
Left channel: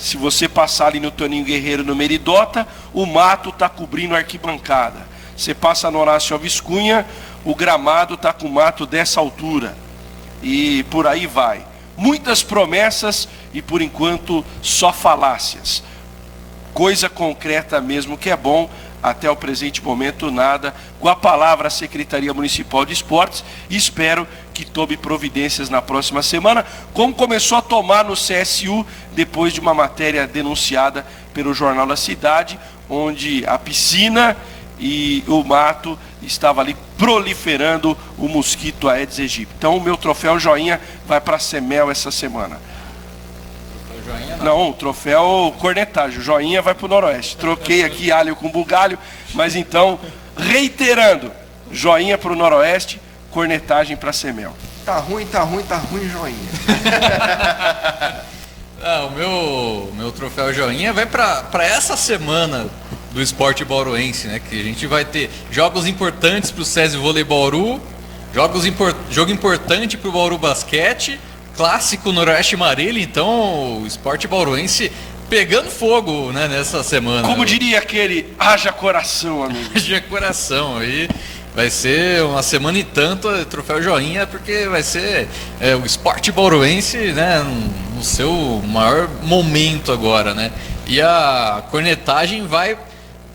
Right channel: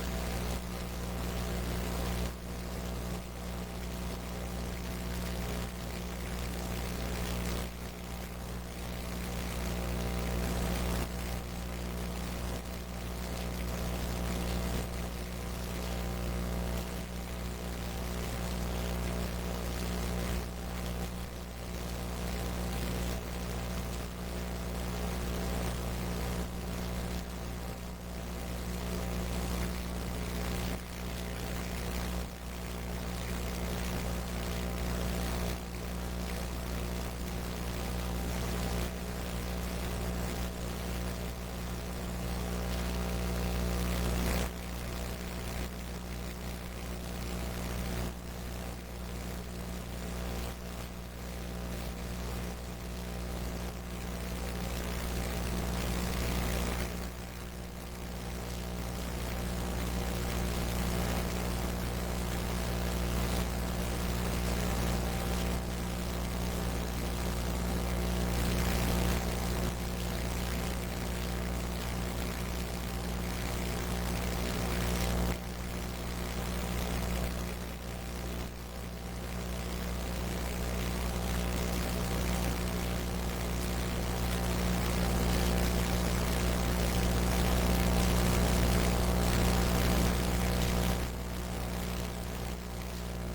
Se você passar ali no Toninho Guerreiro, no Meridota, o mato está cobrindo a arquibancada. Você passa no Horácio Alves Cunha, o gramado está com mato dessa altura. E por aí vai. Muitas promessas e por enquanto só falácias. Coisa concreta mesmo que é bom, até o presente momento nada. Com a palavra a Secretaria Municipal de Esportes, e espero que tome providências na próxima semana, como começou a tomar no CSU, depois de uma matéria denunciada pelo Jornal da Cidade, onde a piscina e o mato estava ali proliferando o mosquito Aedes aegypti. Então o meu troféu joinha vai para a Semel essa semana. Não, o troféu cornetagem, joinha vai para o Noroeste. Troquei aqui alho com bugalho, mas então, reiterando, joinha para o Noroeste, cornetagem para a Semel. Tá ruim, joinha. O meu troféu joinha vai para essa semana do esporte bauruense, né? Que a gente vai ter jogos importantes para o SESI Vôlei Bauru, jogo importante para o Bauru Basquete, clássico Noroeste Marília. Então o esporte bauruense pegando fogo, né, nessa semana. Como diria aquele, haja coração, amigo. Haja coração, aí vai ser uma semana e tanto troféu joinha, porque vai ser o esporte bauruense, né, no seu maior momento agora, né? E a cornetagem vai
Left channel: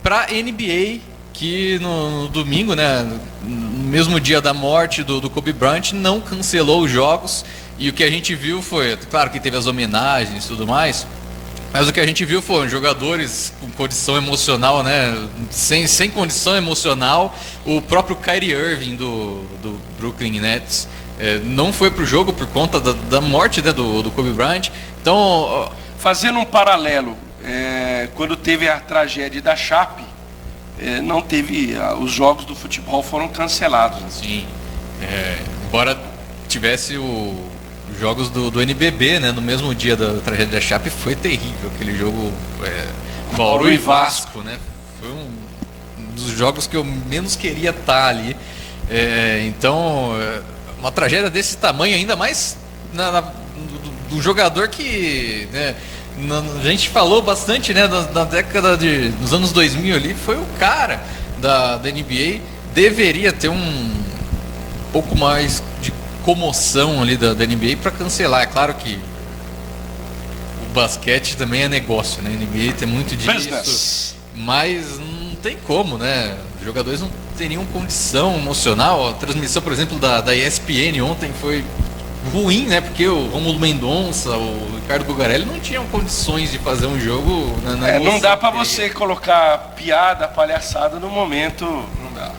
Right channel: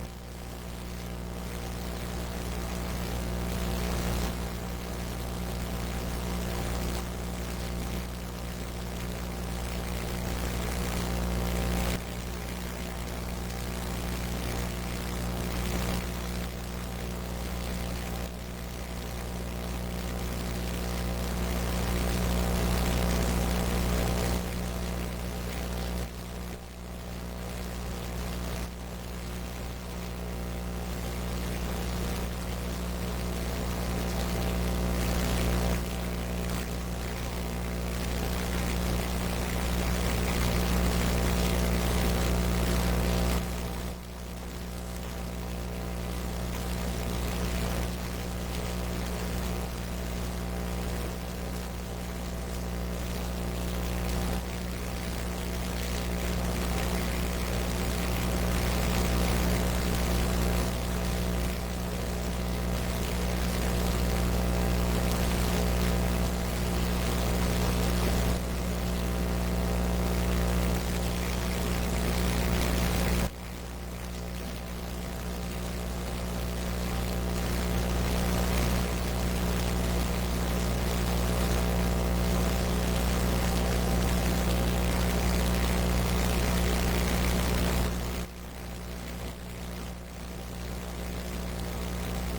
para NBA, que no domingo, né, no mesmo dia da morte do Kobe Bryant, não cancelou os jogos. E o que a gente viu foi, claro que teve as homenagens e tudo mais, mas o que a gente viu foram jogadores com condição emocional, né, sem condição emocional. O próprio Kyrie Irving do Brooklyn Nets não foi pro jogo por conta da morte, né, do Kobe Bryant. Então, fazendo um paralelo, quando teve a tragédia da Chape, não teve, os jogos do futebol foram cancelados. Sim, embora tivesse os jogos do NBB, né, no mesmo dia da tragédia da Chape, foi terrível aquele jogo, Bauru e Vasco, né? Foi um dos jogos que eu menos queria estar ali. Então, uma tragédia desse tamanho, ainda mais do jogador que, né, a gente falou bastante, né, da década dos anos 2000 ali, foi o cara da NBA. Deveria ter um pouco mais de comoção ali da NBA para cancelar. É claro que o basquete também é negócio, né? A NBA tem muito disso, Business. mas não tem como, né? Os jogadores não teriam condição emocional. A transmissão, por exemplo, da ESPN ontem foi ruim, né? Porque o Romulo Mendonça, o Ricardo Bugarelli não tinham condições de fazer um jogo na não dá para você colocar piada, palhaçada no momento. Não dá.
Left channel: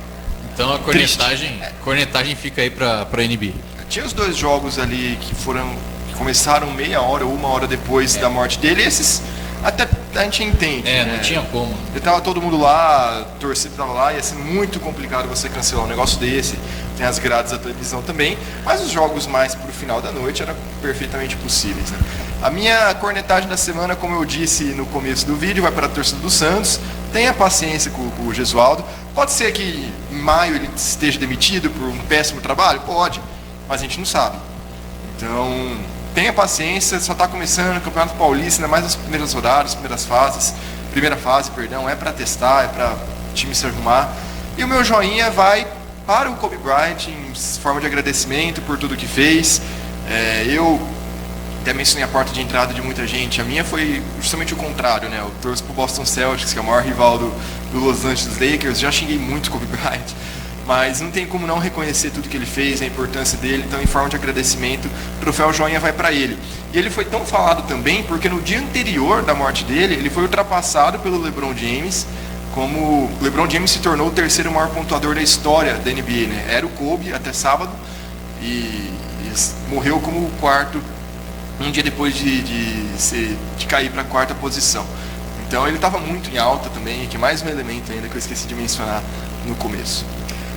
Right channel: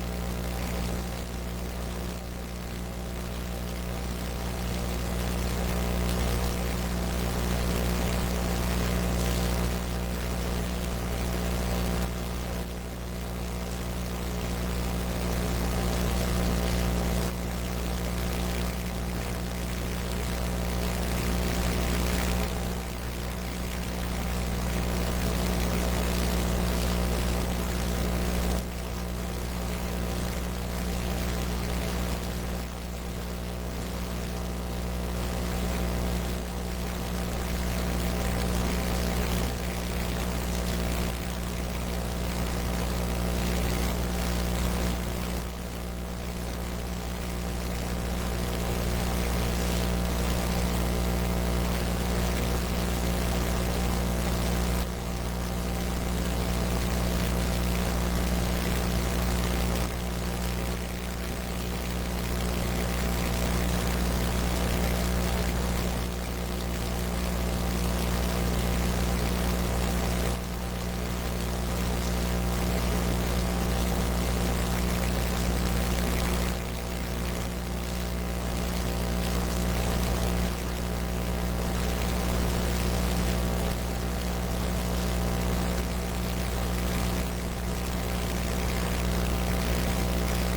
Então a cornetagem fica aí pra NBA. Tinha os 2 jogos ali que começaram meia hora ou 1 hora depois da morte dele. Esses até a gente entende. Não tinha como. Tava todo mundo lá, a torcida tava lá, ia ser muito complicado você cancelar um negócio desse. Tem as grades da televisão também, mas os jogos mais pro final da noite eram perfeitamente possíveis, né? A minha cornetagem da semana, como eu disse no começo do vídeo, vai para a torcida do Santos. Tenha paciência com o Gesualdo. Pode ser que em maio ele esteja demitido por um péssimo trabalho? Pode, mas a gente não sabe. Então, tenha paciência, só está começando o Campeonato Paulista, ainda mais nas primeiras rodadas, primeira fase, é para testar, é para o time se arrumar. E o meu joinha vai para o Kobe Bryant em forma de agradecimento por tudo que fez. Eu até mencionei a porta de entrada de muita gente. A minha foi justamente o contrário, né? Eu torço pro Boston Celtics, que é o maior rival do Los Angeles Lakers. Já xinguei muito o Kobe Bryant, mas não tem como não reconhecer tudo que ele fez, a importância dele. Então, em forma de agradecimento, o troféu joinha vai para ele. E ele foi tão falado também porque no dia anterior da morte dele, ele foi ultrapassado pelo LeBron James, como o LeBron James se tornou o 3º maior pontuador da história da NBA, né? Era o Kobe até sábado e morreu como o 4º um dia depois de cair para a 4ª posição. Então ele estava muito em alta também, que mais um elemento ainda que eu esqueci de mencionar no começo.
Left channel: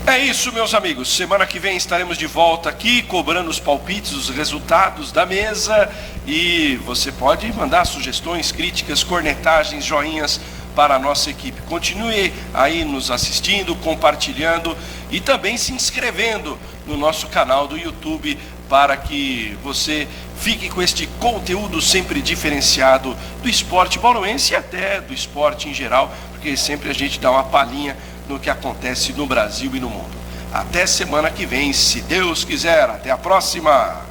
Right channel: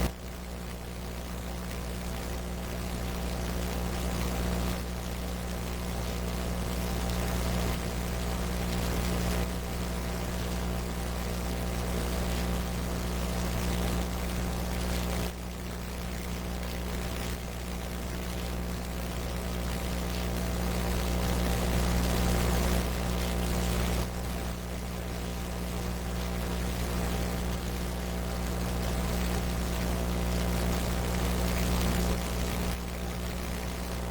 É isso, meus amigos. Semana que vem estaremos de volta aqui, cobrando os palpites, os resultados da mesa. E você pode mandar sugestões, críticas, cornetagens, joinhas para a nossa equipe. Continue aí nos assistindo, compartilhando e também se inscrevendo no nosso canal do YouTube para que você fique com este conteúdo sempre diferenciado do esporte bauruense e até do esporte em geral, porque sempre a gente dá uma palhinha do que acontece no Brasil e no mundo. Até semana que vem, se Deus quiser. Até a próxima!